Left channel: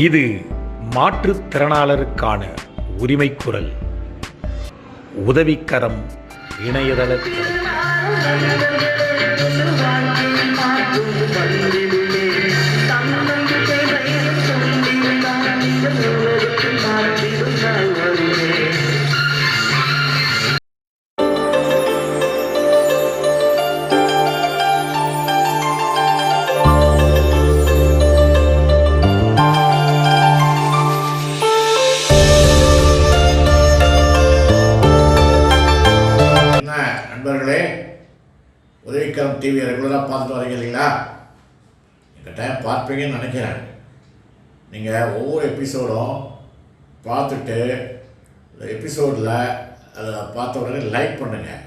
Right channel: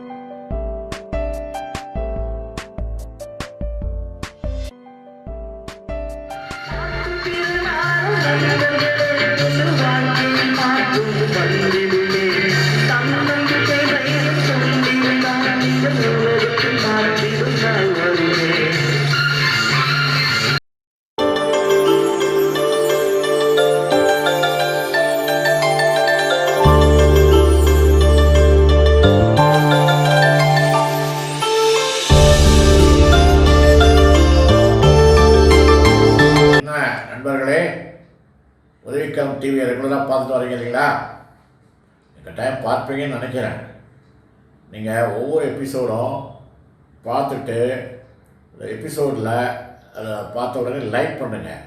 இது மாற்றுத்திறனாளருக்கான உரிமைக்குரல். உதவிக்கரம் இணையதளத்தில் நண்பர்களே, உதவிக்கரம் டிவியை ரெகுலராக பார்த்துட்டு வரீங்க இல்லைங்களா? எங்கள் டைம் பார்ப்பீங்கன்னு நினைக்கிறேன். நீங்கள் ஒவ்வொரு எபிசோடும் பார்த்துட்டு இந்த எபிசோடில் அதை பார்த்த உடனே லைக் பண்ணுங்கள்,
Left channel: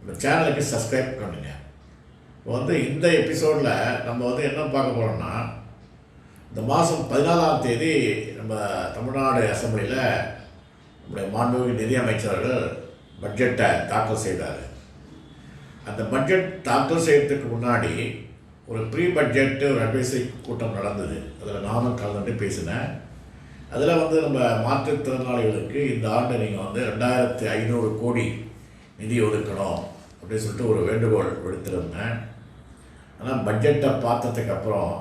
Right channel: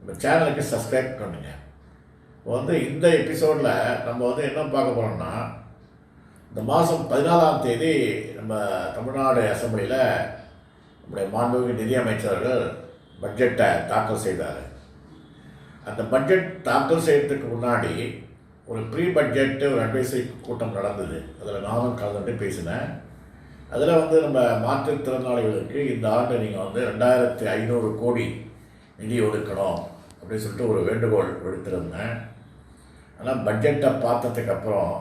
உங்கள் சேனலுக்கு சப்ஸ்கிரைப் பண்ணுங்கள். இப்போ இந்த எபிசோடில் நம்ம என்ன பார்க்க போகிறோம்னா, இந்த மாதம் 14ஆம் தேதி நம்ம தமிழ்நாடு அசெம்பிளியில் நம்முடைய மாண்புமிகு நிதியமைச்சர்கள் பட்ஜெட்டை தாக்கல் செய்தார். அந்த பட்ஜெட் தாக்கல் செய்யறதுக்கு முன்னாடி ஒரு ப்ரீ பட்ஜெட்டு ஒரு அட்வைசரி கூட்டம் நடந்தது. அதில் நானும் கலந்துட்டு பேசினேன். அதில் நம்ம மாற்றுத்திறனாளிகளுக்கு இந்த ஆண்டு நீங்கள் 2500 கோடி நிதி ஒதுக்கணும் அப்படின்னு சொல்லிட்டு ஒரு வேண்டுகோள் விடுத்திருந்தேன். ஆனால் பட்ஜெட்டை பார்த்ததுக்கப்புறம்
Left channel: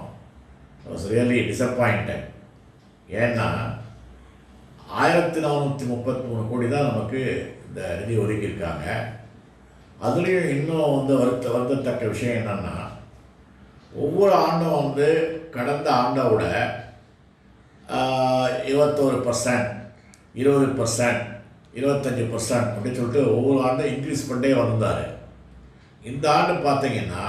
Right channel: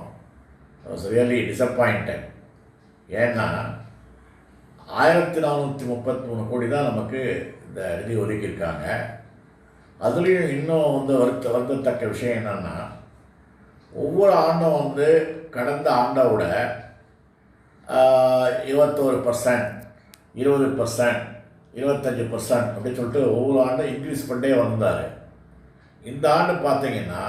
ரியலி டிசப்பாயிண்டட். ஏன்னா 1433 கோடி தான் நமக்கு இந்த நிதி ஒதுக்கியிருக்காங்க. அதுலேயும் இன்னும் வருத்தத்தக்க விஷயம் என்னென்னா, ஒவ்வொரு ஆண்டும் கடந்த ஆண்டை விட 21%, 20%, 25% அப்படின்னு சொல்லிட்டு ஒவ்வொரு ஆண்டும் இன்க்ரீஸ் பண்ணிட்டே வந்தார். இந்த ஆண்டு பார்த்தீங்கன்னா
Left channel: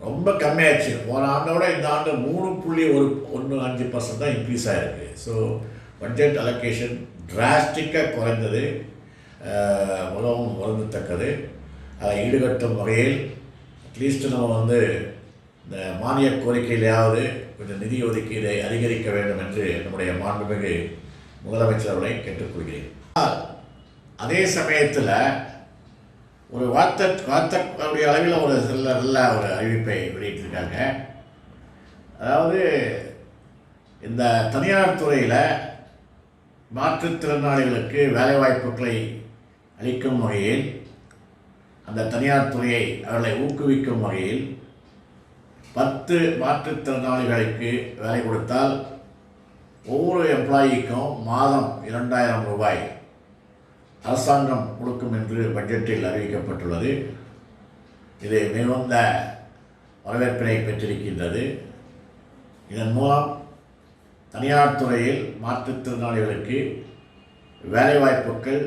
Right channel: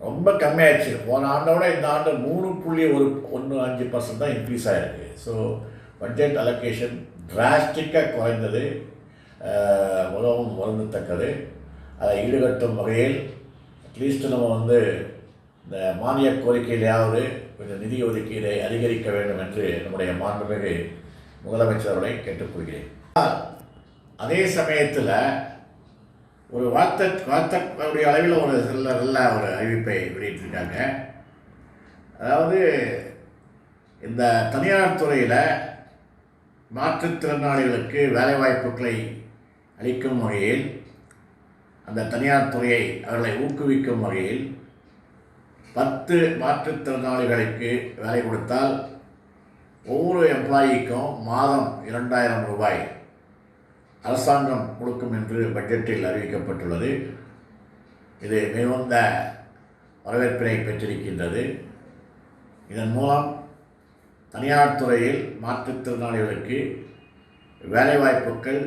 ரொம்ப கம்மியாகிடுச்சு. போன ஆண்டை விட இந்த ஆண்டு 3.15% தான் இன்க்ரீஸ் ஆகிருக்கு. ஸோ பட்ஜெட் அலோகேஷன் டிராஸ்டிக்காக குறைந்தது, மிகவும் வருந்தத்தக்கது. அதை ஈடுகட்டும் வகையில் அட்லீஸ்ட் நம்ம இந்த மானிய கோரிக்கையிலாவது கொஞ்சம் நிதி ஒதுக்கீடை அதிகரிக்க வேண்டும் என்று நம்முடைய மாண்புமிகு முதலமைச்சர்களை கேட்டுக்கொள்கிறேன். அதே சமயத்தில் ஒரு வார்த்தைடைய அளவில் ஒரு நல்ல ஒரு அறிவிப்பை வெளியிட்டிருக்காங்க. அதாவது இந்த தனியார் துறையில் மாற்றுத்திறனாளிகளுக்கு வேலைவாய்ப்புகளை அளிக்கும் வகையில், அந்த தனியார் துறையை அவர்களை ஊக்குவிக்கும் வகையில் 10 மாற்றுத்திறனாளிகளுக்கு வேலை கொடுத்தால் ஒவ்வொரு எம்ப்ளாயிக்கும் மாதம் 2000 ரூபாய் அரசாங்கம் கொடுக்கும் என்று பட்ஜெட்டில் அறிவிக்கப்பட்டுள்ளது. இது மிகுந்த வரவேற்பினை பெற்றிருக்கின்றது. இதன் மூலம் தனியார் துறையில் மாற்றுத்திறனாளிகளுக்கு வேலைவாய்ப்புகள்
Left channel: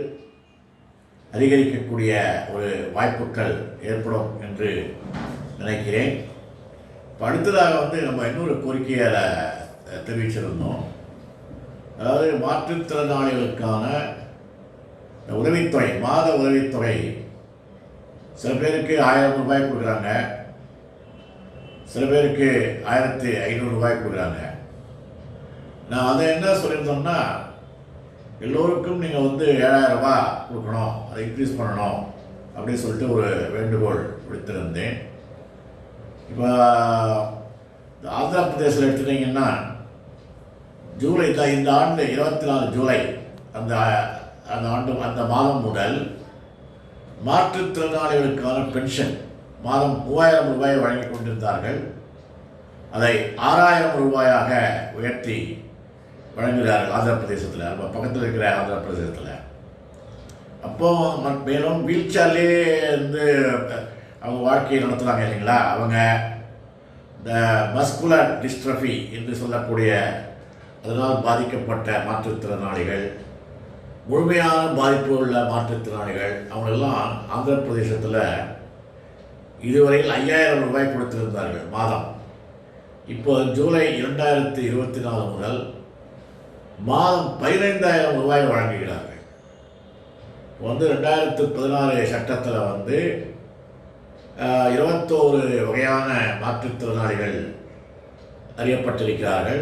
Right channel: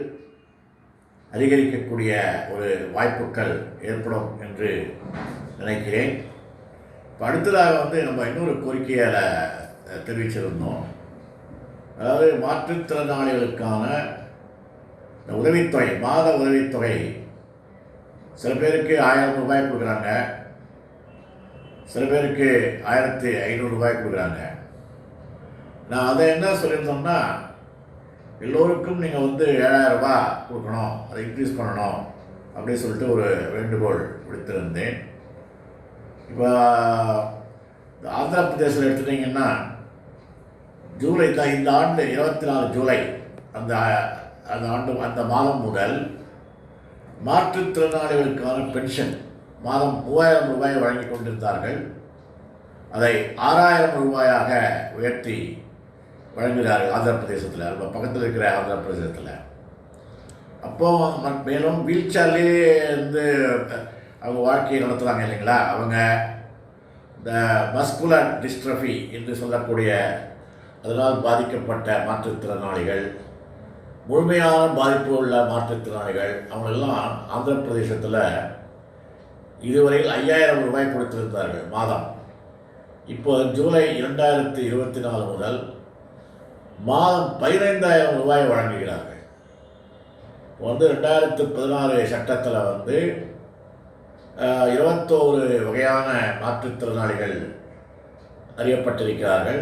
அதிகரிக்கக்கூடிய ஒரு வாய்ப்புகள் ஏற்படும் என்று நினைக்கிறேன். இப்போ அடுத்ததாக நம்ம இன்னொரு கோரிக்கையை தெரிவிச்சிருந்தோம். அதாவது மாற்றுத்திறனாளிகளுக்கான உதவித்தொகை, மாத உதவித்தொகை சில பேருக்கு 1000 ரூபாய் கொடுக்குறாங்க, சில பேருக்கு 1500 ரூபாய் கொடுக்குறாங்க. நான் அதை என்ன சொல்லியிருந்தோம்னா, எல்லோருக்கும் நீங்கள் 7000 ரூபாய் கொடுக்கணும், அதை இன்க்ரீஸ் பண்ணணும் அப்படின்னு சொல்லிட்டு ஒரு வேண்டுகோள் விடுத்திருந்தேன். இப்போ ஆந்திர பிரதேசத்தில் எடுத்துட்டிங்கன்னா ஜூலை தான், இந்த ஆண்டு 24 ஜூலை அந்த மாதம் முதல் மாற்றுத்திறனாளிகளுக்கான பென்ஷன் மாதம் 3000 ரூபாயை வழங்கி கொண்டிருந்தார்கள். அதை 6000 ரூபாயாக உயர்த்தி வழங்குகிறார்கள் ஆந்திர பிரதேசத்தில், நம்ம பக்கத்தில் இருக்கிற ஆந்திர பிரதேசத்தில். அப்போது மேலும் வீல் சேர்லேயே அவங்க வாழ்க்கையை நடத்துகிறாங்க இல்லைங்களா. அவங்க இந்த மஸ்குலர் டிஸ்ட்ரஃபி என்று சொல்லக்கூடிய அதனால் பாதிக்கப்பட்ட மாற்றுத்திறனாளிகள், முழுமையான பாதிப்பு உள்ள மாற்றுத்திறனாளிகள், அவங்களெல்லாம் ஆந்திர பிரதேசத்தில் இதுவரையில் 5000 ரூபாய் கொடுத்திருந்தார்கள் மாதம். இப்போது ஜூலை 2024 முதல் மாதம் 15000 ரூபாய் வழங்குகிறார்கள். 2016 சட்டத்தில் 21 வகையான மாற்றுத்திறனாளிகள் அறியப்பட்டிருக்கிறார்கள்.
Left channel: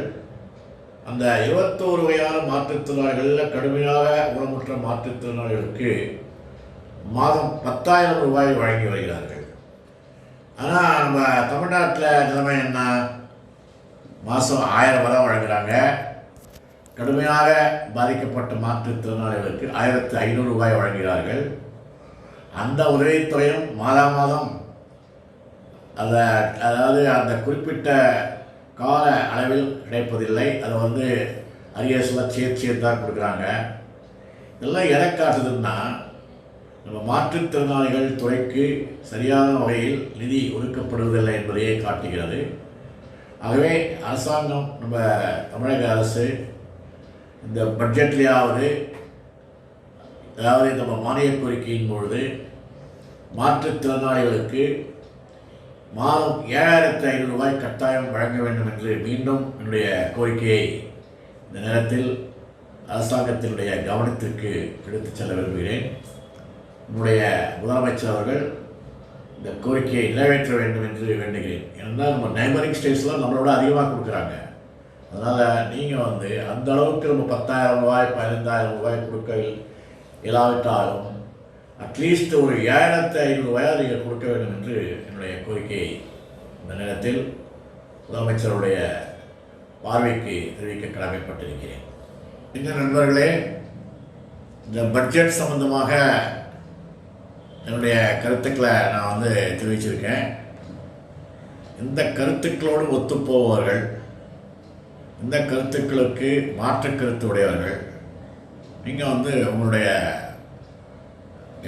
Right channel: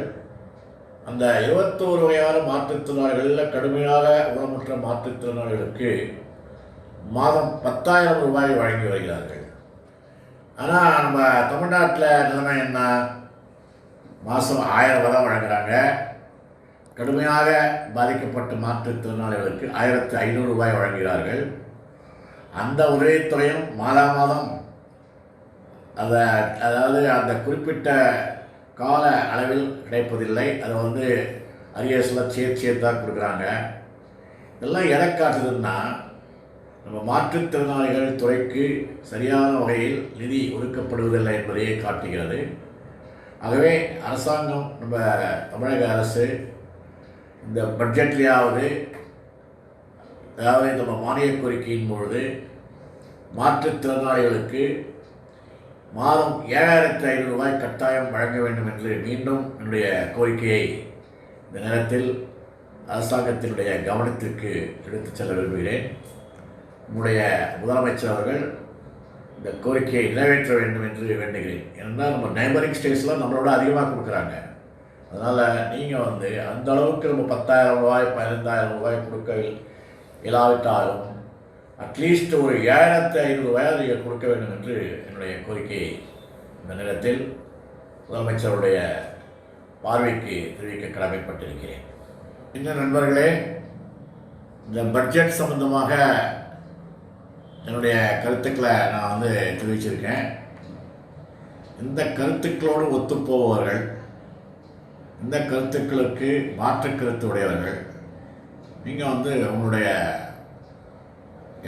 அந்த 21 வகையான மாற்றுத்திறனாளிகளில் கடுமையாக ஊனமுற்ற மாற்றுத்திறனாளிகளுக்கு மாதம் 10,000 ரூபாய் வழங்கி வருகிறார்கள். ஆனால் நம்ம தமிழ்நாட்டில் நிலைமை என்ன? மாதம் 1000 வரை வழங்குகிறாங்க. கடுமையாக பாதிக்கப்பட்ட மாற்றுத்திறனாளிகளுக்கு 1500 ரூபாய் வழங்குகிறார்கள். அந்த உதவித்தொகையும் மாதம் அதாவது அந்த குறிப்பிட்ட கால அளவில் கிடைப்பதில்லை. அதை அரியர்ஸில் சேர்த்து தான் கொடுக்குறாங்க. இதெல்லாம் எதை காட்டுதுன்னா, நம்ம மாற்றுத்திறனாளிகள் துறைக்கு சரியான வகையில் நிதி ஒதுக்கப்படுவதில்லை என்பதையே காட்டுகிறது. ஆகவே அரசாங்கம், நம்ம தமிழக அரசு இந்த பட்ஜெட்லேயாவது, அதாவது நம்ம மானிய கோரிக்கையின் பொழுது மாற்றுத்திறனாளிகளுக்கு மாதம் 7500 ரூபாய் கட்டாயம் வழங்க வேண்டும் என்று மீண்டும் என்னுடைய கோரிக்கையை இந்த நேரத்தில் அரசாங்கத்தினுடைய கவனத்திற்கு எடுத்துச் செல்ல விரும்புகிறேன். நம்முடைய முதலமைச்சர் அவர்கள் இந்த கோரிக்கையை நிறைவேற்ற வேண்டும் என்று வேண்டுகிறேன். ஏன்னா நம்ம நைபரிங் ஸ்டேட்ஸில் நம்மளோட அதிகமாக கொடுக்குறாங்க. அதனால் நீங்கள் அந்த அளவுக்கு நம்ம 10,000 ரூபாய் 15,000 ரூபாய் கொடுக்க இயலாவிட்டாலும் அட்லீஸ்ட் ஒரு 7500 ரூபாய் நீங்கள் கொடுக்க வேண்டும் என்று என்னுடைய கோரிக்கையை இந்த நேரத்தில் முதலமைச்சருடைய பார்வைக்கு தெரிவிக்க கடமைப்பட்டிருக்கிறேன். இன்னும் நண்பர்களே, இந்த பட்ஜெட் சம்பந்தமாக என்னுடைய கருத்துக்களை நான் தெரிவிச்சிருக்கேன். இந்த கருத்துக்களோடு ஒத்துப்போபவர்கள், இந்த கருத்துக்களுக்கு மாற்று கருத்து உடையவர்கள், நீங்கள் உங்களுடைய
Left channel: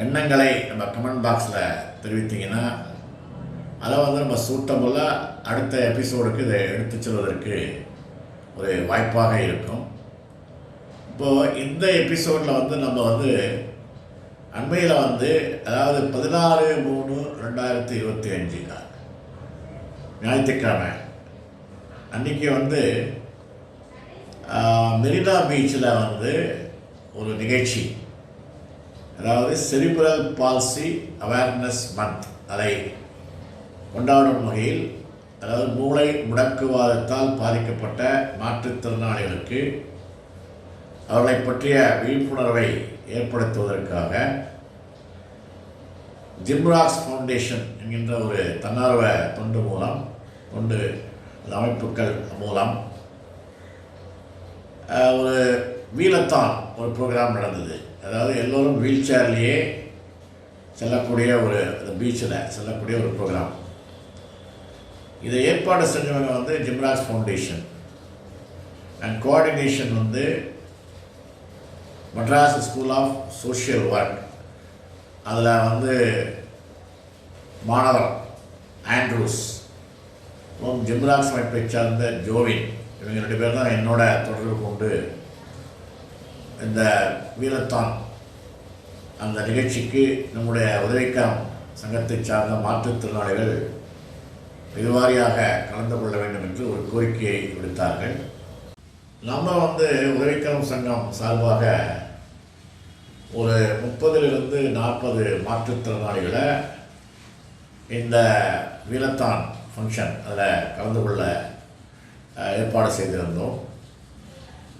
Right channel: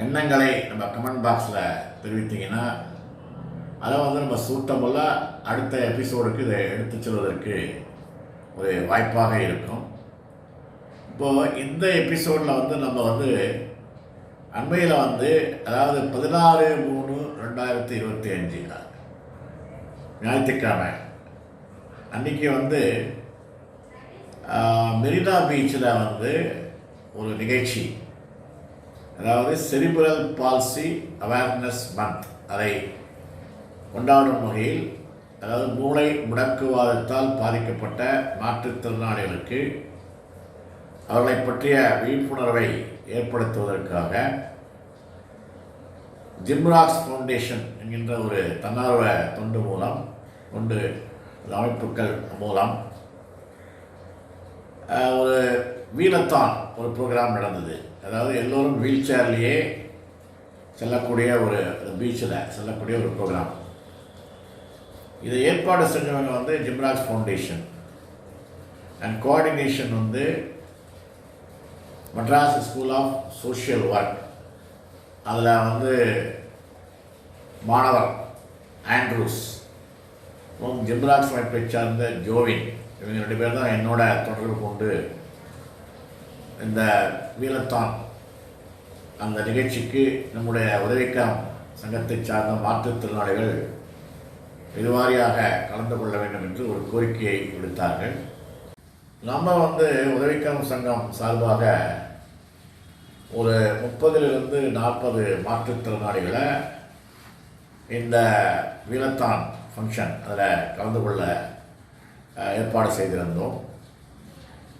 எண்ணங்களை நம்ம கமெண்ட் பாக்ஸில் தெரிவித்தீங்கன்னா அதை நம்ம சூட்டபுல்லாக அடுத்த எபிசோடுக்கு இதை எடுத்து செல்வதற்கு ஒரு வாய்ப்பாக இருக்கும். இப்போது இந்த எபிசோடில் நம்ம அண்மையில் அதாவது 16/3/2025 ஞாயிற்றுக்கிழமை அன்றைக்கி மெரினா பீச்சில் ஒரு நிகழ்ச்சி, அதாவது செரிப்ரல் பால்சி அவேர்னஸ் மந்த், அதை கொண்டாடும் வகையில், அதாவது மூளை முடக்குவாதத்தால் பாதிக்கப்பட்ட மாற்றுத்திறனாளிகளுக்கு அவர்களை பற்றிய விழிப்புணர்வை ஏற்படுத்துவதற்காக ஜிம்ராக்ஸ் ஃபவுண்டேஷன் என்கின்ற ஒரு தன்னார்வ தொண்டு அமைப்புகள் மூலம் ஒரு வீலத்தான் ஒரு ப்ரோக்ராம் நடந்தது. அதாவது எல்லோரும் வீல் சேர்லேயே செல்லக்கூடிய ஒரு பீச்சில் செல்லக்கூடிய ஒரு ப்ரோக்ராம். இதை ஏற்பாடு செஞ்சவங்க ஜிம்ராக்ஸ் foundation and coordination Madras school of social work. அதில் மாணவர் ஆண்ட்ரூஸ், ஜிம்ராக்ஸ் அமைப்பை சார்ந்த ஜோவின், இவங்க 2 பேர் தான் என்னோட தொடர்பு கொண்டு இந்த வீலத்தான் அந்த நிகழ்ச்சிக்கு நம்முடைய உதவிக்கரம் சங்கத்தை சார்ந்த மாற்றுத்திறனாளிகள் பெருவாரியாக கலந்து கொள்ள வேண்டும் என்று ஒரு கோரிக்கையை விடுத்தார்கள். நம்ம உதவிக்கரம் சங்கம் சார்பாக ஒரு 30 to 40 மாற்றுத்திறனாளிகளை இந்த வீலத்தான் ஃபங்க்ஷன் அதில் கலந்து கொள்ள ஏற்பாடு செய்திருந்தோம்.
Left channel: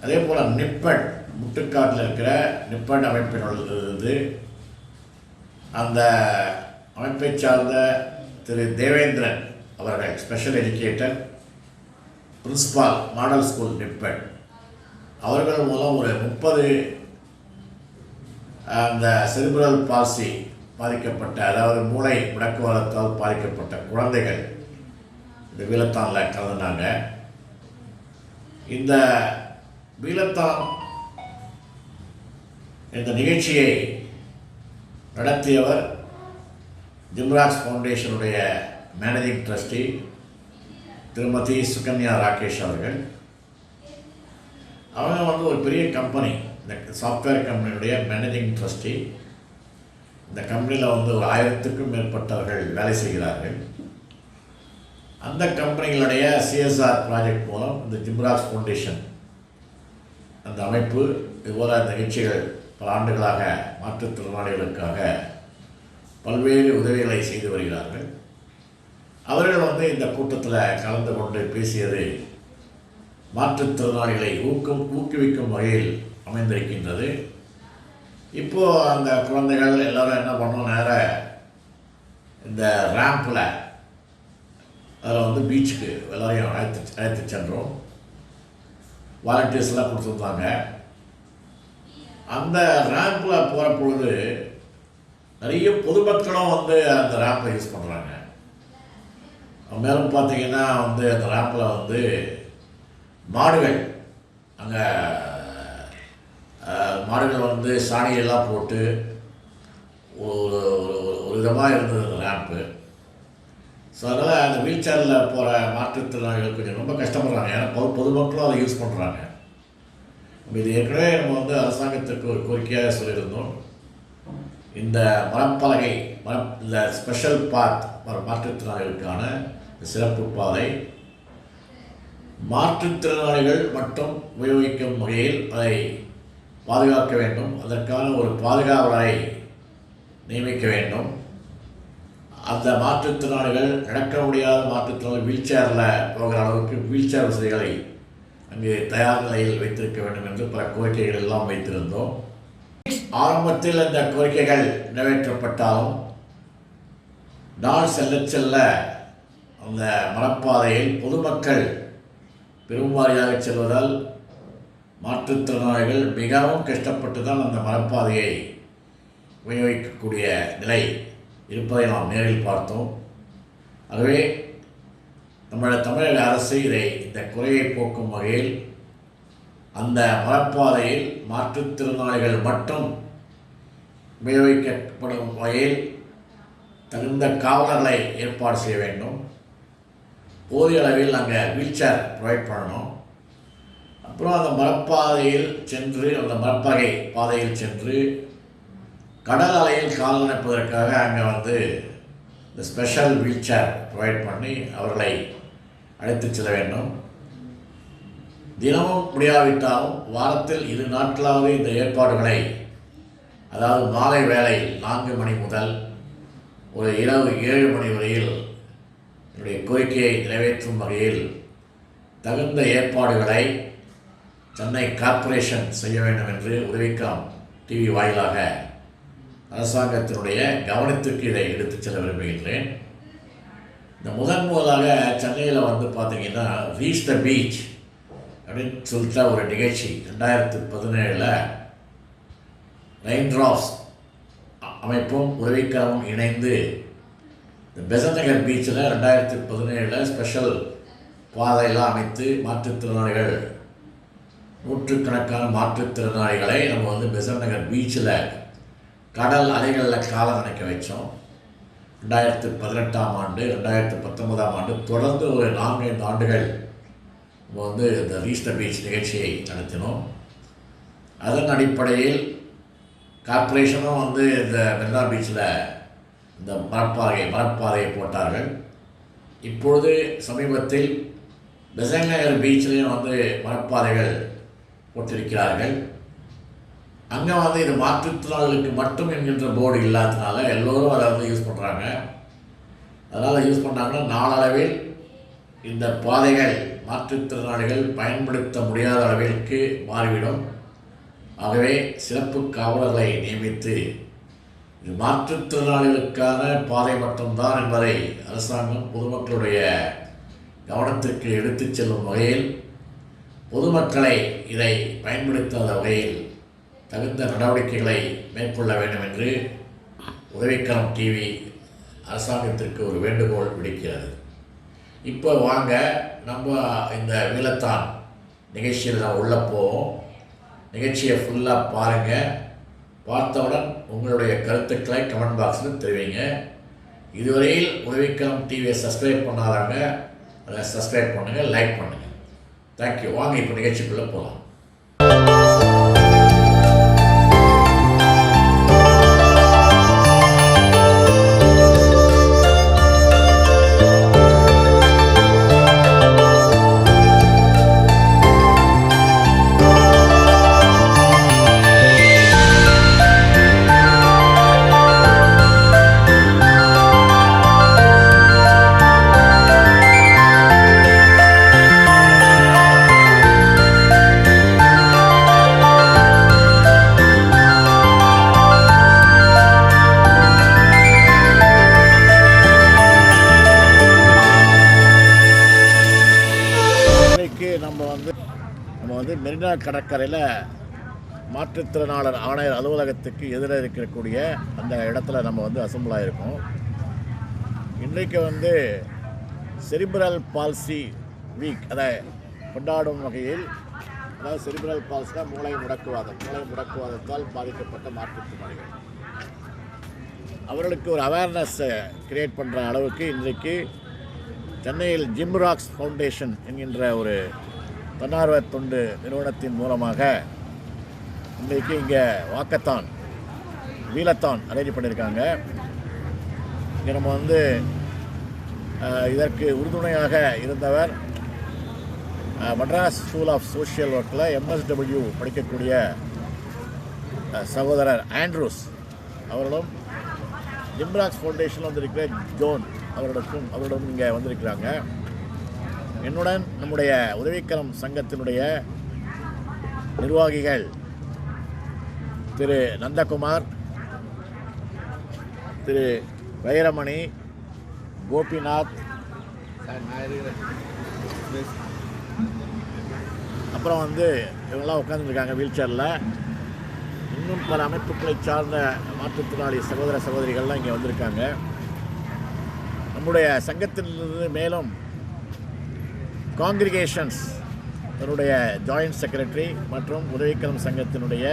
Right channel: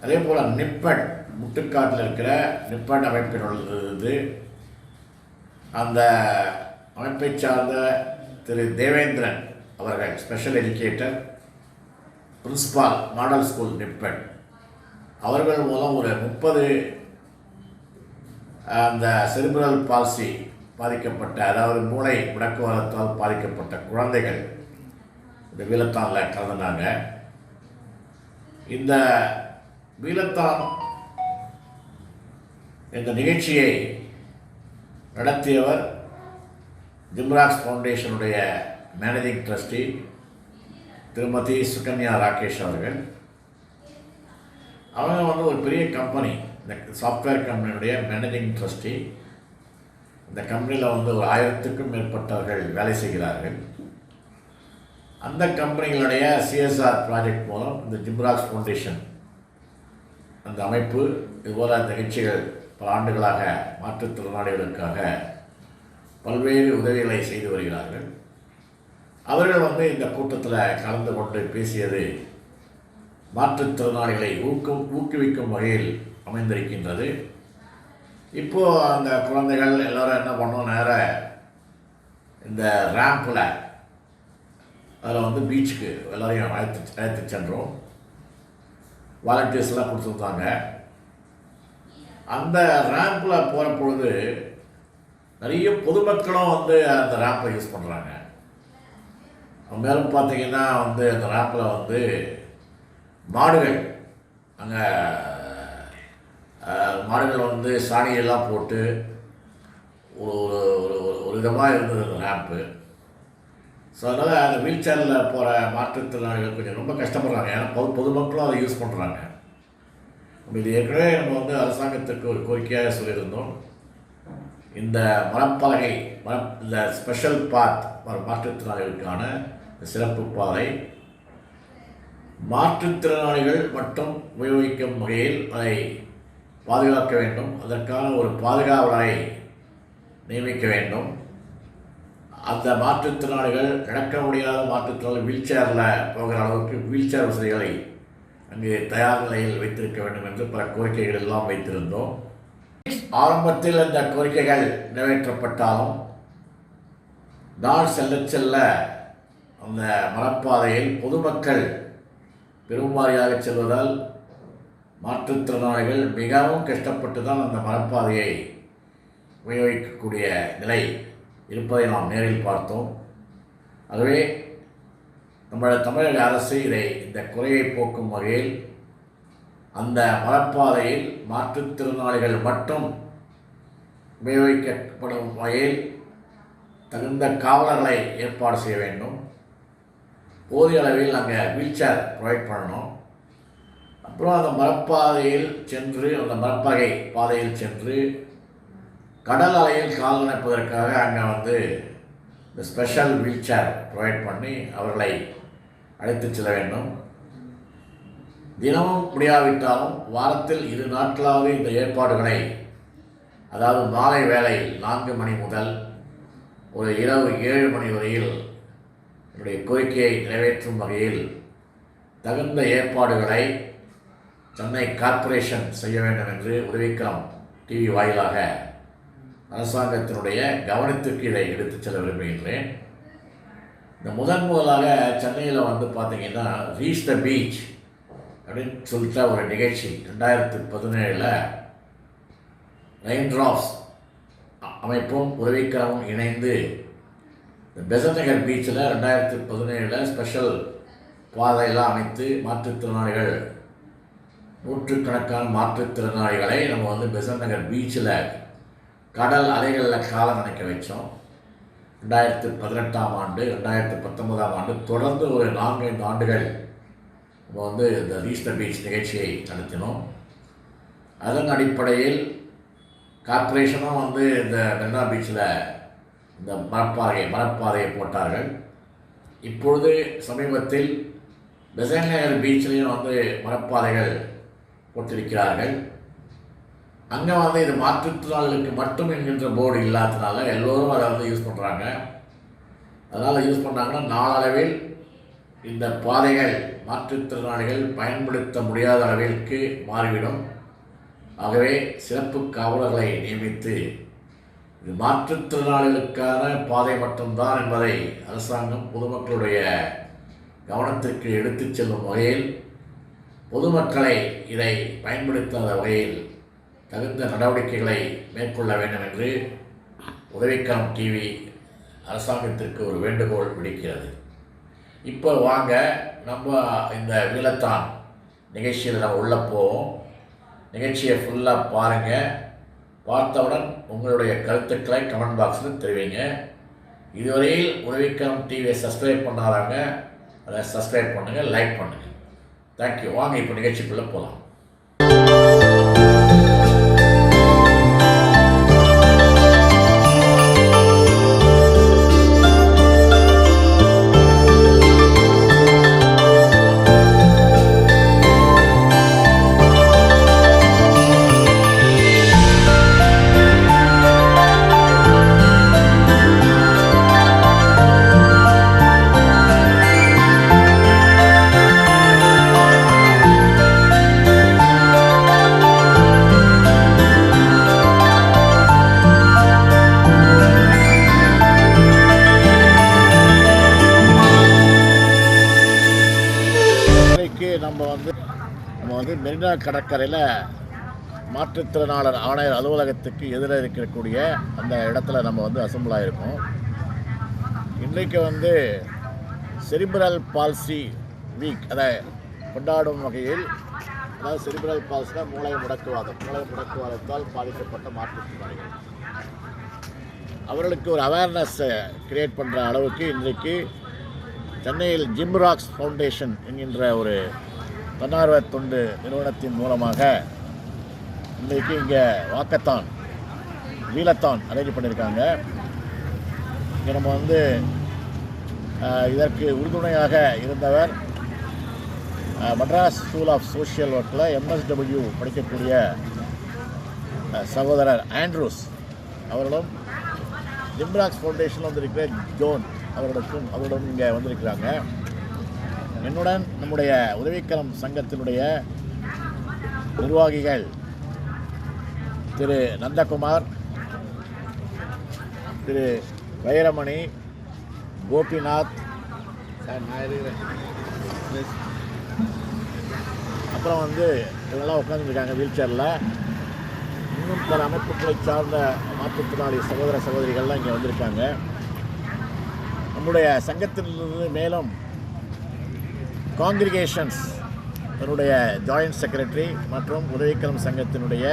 அதே போல் நிப்பட், முட்டுக்காட்டில் இருக்கிற நிப்பட் அமைப்பினரிலிருந்து அந்த அமைப்பை சார்ந்த திரு தேவேந்திரன் அவர்கள், special educator, principal, model school நிப்பட், அவர்கள் மூலம் ஒரு 30 அந்த செரிப்ரல் பால்சி பாதிக்கப்பட்ட, அதாவது மூளை முடக்குவாதத்தால் பாதிக்கப்பட்ட குழந்தைகள் இந்த வீலத்தானில் கலந்துனாங்க. இந்த வீலத்தான் இந்த நிகழ்ச்சியை நடத்தியவர் ஜிம்ராக்ஸ் ஃபவுண்டேஷனுடைய மேனேஜிங் ட்ரஸ்டி திருமதி சுகன்யா ராகேஷ் அவர்கள். அவங்க ஒரு பெரிய கம்பெனி, இந்த சாஃப்ட்வேர் கம்பெனியுடைய மேனேஜிங் ட்ரஸ்டி. இந்த கம்பெனியில் ஒரு 1000க்கும் மேற்பட்டவர்கள் வேலை செய்கிறார்கள். அந்த கம்பெனிகளுடைய சிஎஸ்ஆர் ப்ராஜெக்ட் மூலம் இந்த ஜிம்ராக்ஸ் ஃபவுண்டேஷன் அந்த அமைப்பு இதுபோல் நிகழ்ச்சிகள் பல ஆண்டுகளாக மாற்றுத்திறனாளிகளுக்காக பல்வேறு உதவிகளை செய்து வருகிறார்கள். அவர்கள் இந்த கூட்டத்தில் கலந்து கொண்டு பேசியது மாற்றுத்திறனாளிகளை ஊக்குவிக்கும் வகையில் அமைந்திருக்கின்றது. இப்போது அந்த குழந்தைகள் எல்லோரும் என்ன பண்ணோம், நேராக இந்த ரேம்பில் அதில் வந்து பீச்சுக்கு எல்லாரையும் அழைத்து சென்றோம். வாலண்டியர்ஸ்லாம் கொடுத்துருந்தாங்க. அந்த ரேம்பில் போகிற பொழுது நிறைய பொதுமக்களும் வந்து அந்த ரேம்பை யூஸ் பண்ணுறாங்க. மேலும் பார்த்தீங்கன்னா வந்து அந்த ரேம்பில் வந்து மாடுகள் அங்கே மாடுகள் வந்து சாணியெல்லாம் போட்டு ஒரு ஒரு விதமாக இருந்தது அந்த ரேம்ப்பு. ஸோ அதனால் அந்த வீல் சேரில் போகிற மாற்றுத்திறனாளிகள் கொஞ்சம் ரொம்ப கஷ்டப்படுறாங்க. ஏன்னா பொதுமக்களும் அதை யூஸ் பண்ணுறாங்க. இது ஏற்கனவே நம்ம வந்து அரசாங்கத்துக்கு ஒரு கோரிக்கையாக சொல்லியிருந்தோம். இந்த மரப்பலகை இந்த ஸ்பெஷல் பாத் மாற்றுத்திறனாளிகளுக்கான சிறப்பு பாதை மாற்றுத்திறனாளிகள் மட்டும் உபயோகிக்கும் வகையில் அதை பாதுகாக்க வேண்டும். அதற்கான ஒரு பாதுகாவலரை நியமிக்க வேண்டும். அந்த மாற்றுத்திறனாளிகள் நடக்க முடியாத மாற்றுத்திறனாளி வீல் சேரில் போகிற அளவுக்கு வீல் சேர் வசதிகளை அங்கு தயார் நிலையில் வைத்திருக்க வேண்டும் என்று பல கோரிக்கைகள் எல்லாம் வைத்திருந்தோம். ஆரம்பத்தில் இந்த கோரிக்கைகள் நிறைவேற்றப்பட்டாலும் நாள் செல்ல செல்ல அந்த மரப்பாதையில் பொதுமக்கள் பெரும்பாரியாக செல்வதால் மாற்றுத்திறனாளிகள் மிகவும் கஷ்டப்பட்டு தான் அந்த மரப்பாதையை உபயோகிக்கக்கூடிய நிலை இருப்பதை நாம் நேரில் பார்த்தோம். ஆகவே தமிழக அரசு இந்த குறையை போக்கும் வகையில் அந்த மரப்பாதையில் மாற்றுத்திறனாளிகள் மட்டும் உபயோகிக்கப்படும் வகையில் தகுந்த காவலர்களை ஏற்பாடு செய்ய வேண்டும். போதிய அளவில் அங்கே வீல் சேர் ப்ரொவைட் பண்ணணும். அப்புறம் அந்த மரப்பாதையில் சென்று அந்த மரப்பகை பாதையில் சென்று கடல் அலையில் கால் நனைப்பதற்காக அங்கே வந்து இந்த ஸ்பெஷல் வீல் சேர் ப்ரொவைட் பண்ணி அவர்களை அழைத்து செல்ல வேண்டும். தினமும் முடியாவிட்டாலும் வாரத்தில் 2 நாட்களாவது இந்த ஏற்பாடுகளை, அதாவது மாலை வேளையில் 4 மணி முதல் ஒரு இரவு 7 மணி வரையில் என்னுடைய கோரிக்கையை நிறைவேற்றும் வகையில் தகுந்த ஏற்பாடுகளை சென்னை கார்ப்பரேஷன் செய்ய வேண்டும் என்று உதவிக்கரம் டிவி வாயிலாக அரசாங்கத்தினுடைய கவனத்திற்கு இதை எடுத்துச் செல்ல விரும்புகின்றேன். இந்த முதலாக சென்னையில் வந்து பார்த்திங்கன்னா ரீச் த பீச் அப்படின்னு சொல்லிட்ட ஒரு நிகழ்ச்சி 2017 ரெயின் ட்ராப்ஸ் அமைப்பும் உதவிக்கரமும் இணைந்து இந்த பெசன்ட் நகர் பீச்சில் 2017 ஸ்பெஷல் பாதையெல்லாம் அமைத்து மாற்றுத்திறனாளிகள் நூற்றுக்கணக்கான மாற்றுத்திறனாளிகளை நம்ம வந்து பெசன்ட் நகர் பீச்சில் கடல் அலைகளில் காலம் நினைக்க வச்சோம். 2018ஆம் ஆண்டு 2019ஆம் ஆண்டு தொடர்ந்து ஒரு 4-5 ஆண்டுகள் நம்ம வந்து இந்த ரீச் த பீச் நிகழ்ச்சியை நடத்தினோம். அதன் அடிப்படையில் கார்ப்பரேஷனும் வந்து இந்த மெரினா பீச்சில் இந்த மரப்பாதையை போட்டார்கள். இப்பொழுது சமீபத்தில் பெசன்ட் நகர் பீச்சிலையும் வந்து மரப்பாதைகள் போட்டிருக்கிறார்கள். அங்கே வந்து இது மாற்றுத்திறனாளிகளுக்கு மட்டும் என்கின்ற போர்டு இல்லாததுனால எல்லோரும் அதை வந்து யூஸ் பண்ணுறாங்க. அதனால் யூஸ் பண்ணாங்கன்னா நாளளவில் இந்த பாதைகள் மாற்றுத்திறனாளிகள் பயன்படுத்த முடியாத அளவிற்கு மாறிவிடும். ஆகவே சிறப்பு காவலர்களை நியமித்து இது மாற்றுத்திறனாளிகளுக்கான பாதை மட்டும்தான் என்பதை அரசாங்கம் பொதுமக்களுடைய கவனத்திற்கு எடுத்துச் செல்லும் வகையில், பொதுமக்களை இதை பயன்படுத்தாத வகையில் தகுந்த நடவடிக்கைகளை மேற்கொள்ள வேண்டும் என்று உதவிக்கரம் டிவி அரசாங்கத்திற்கு ஒரு வேண்டுகோள் விடுக்கிறது. இப்போ வாங்க நம்ம இந்த வீலத்தான் நிகழ்ச்சியில் நம்ம உள்ளே போவோம். நிகழ்ச்சியை ஃபுல்லாக பாருங்கள். பார்த்தவுடன் உங்களுடைய கருத்துக்களை கமெண்ட் பாக்ஸில் தெரிவிங்க. இதுவரையில் உதவிக்கரம் டிவியை சப்ஸ்கிரைப் பண்ணாதாங்க அதை சப்ஸ்கிரைப் பண்ணுங்கள், லைக் பண்ணுங்கள். தேங்க்யூ. வாங்க இப்போ நிகழ்ச்சிக்குள்ளே போகலாம். மெரினா கடற்கரையில் மாற்றுத்திறனாளர் ஆணையர் அலுவலகத்துக்கு எதிராக இருக்கக்கூடிய அந்த இடத்துல நம்ம வந்து அசம்பிள் ஆகிருக்கோம். இன்றைக்கு செரிப்ரல் பால்சி வீக் அதை கொண்டாடும் வகையில், அதாவது செரிப்ரல் பால்சினா மூளை முடக்குவாதத்தால் பாதிக்கப்பட்ட மாற்றுத்திறனாளிகள் அவர்களுக்கு ஒரு அவேர்னஸ் கிரியேட் பண்ணுற அளவுக்கு இன்றைக்கு சென்னையில் ஜிம்ராக்ஸ் ஃபவுண்டேஷன் என்கின்ற ஒரு தன்னார்வ தொண்டு நிறுவனத்தின் மூலமாக இன்றைக்கு இங்கே வாக்கத்தான் வீலத்தான் அரேஞ்ச் பண்ணியிருக்காங்க. இங்கே நம்ம இதற்கு உறுதுணையாக இருந்தவர் மெட்ராஸ் ஸ்கூல் ஆஃப் சோஷியல் ஒர்க்கில் MSW படிக்கக்கூடிய சகோதரர் ஆண்ட்ரூஸ் அவர்களும், ஜிம்ராக்ஸ் ஃபவுண்டேஷனில் வந்திருக்கிற ஜோன் அவரிடம் இங்கே வந்திருக்கிறாங்க. என்னுடன் நம்முடைய உதவிக்கரம் சங்கத்தினுடைய நிர்வாகிகள் திரு நந்தகுமார், திரு வைரமணி, கோபிநாத், அப்புறம் இவங்கெல்லாம் உட்காந்துருக்காங்க வீல் சேரில். இன்னும் பல அமைப்புகளை சார்ந்த மாற்றுத்திறனாளி சகோதர சகோதரிகள்லாம் இங்கே வந்திருக்காங்க. நம்முடைய சங்கத்திலிருந்து மேலும் காங்கிரிகேஷன்ஸ் அதனுடைய ஜாயிண்ட் செக்ரட்டரி மற்றும் உதவிக்கரம் சங்கத்தினுடைய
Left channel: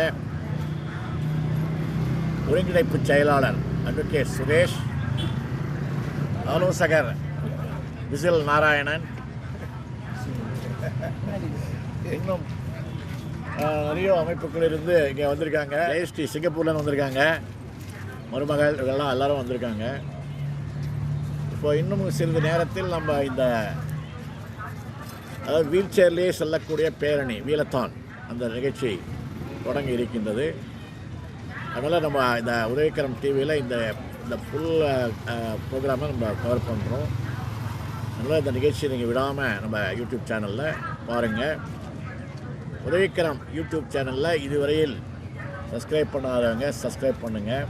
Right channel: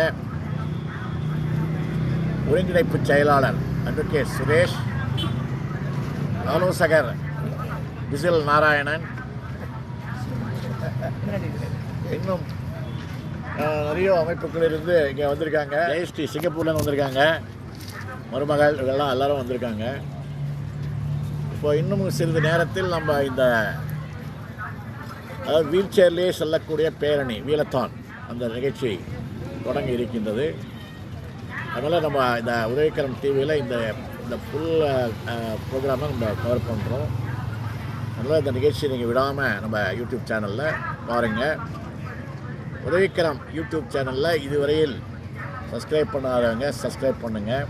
ஒருங்கிணைப்பு செயலாளர் அட்வொகேட் சுரேஷ், ஆலோசகர் விசில் நாராயணன், இன்னும் நிறைய அமைப்புகளிலிருந்து இங்கே வந்திருக்காங்க. ஜெயஸ்ரீ சிங்கப்பூர்லேருந்து வந்திருக்காங்க, மருமகள் இதெல்லாம் எல்லோரும் வந்திருக்காங்க. இப்போ இன்னும் சிறிது நேரத்தில் நம்ம அதாவது வீல் சேர்லேயே செல்லக்கூடிய பேரணி வீலத்தான் அந்த நிகழ்ச்சி தொடங்கி இருக்கின்றது. அதனால் நம்ம இந்த உதவிக்கரம் டிவியில் இந்த ஃபுல் ப்ரோக்ராமை நம்ம கவர் பண்ணுறோம். அதனால் இந்த நிகழ்ச்சியை நீங்கள் விடாமல் நம்ம யூடியூப் சேனலில் பாருங்கள். உதவிக்கரம் யூடியூப் சேனலில் இதுவரையில் சப்ஸ்கிரைப் பண்ணாதவங்க சப்ஸ்கிரைப் பண்ணுங்கள்.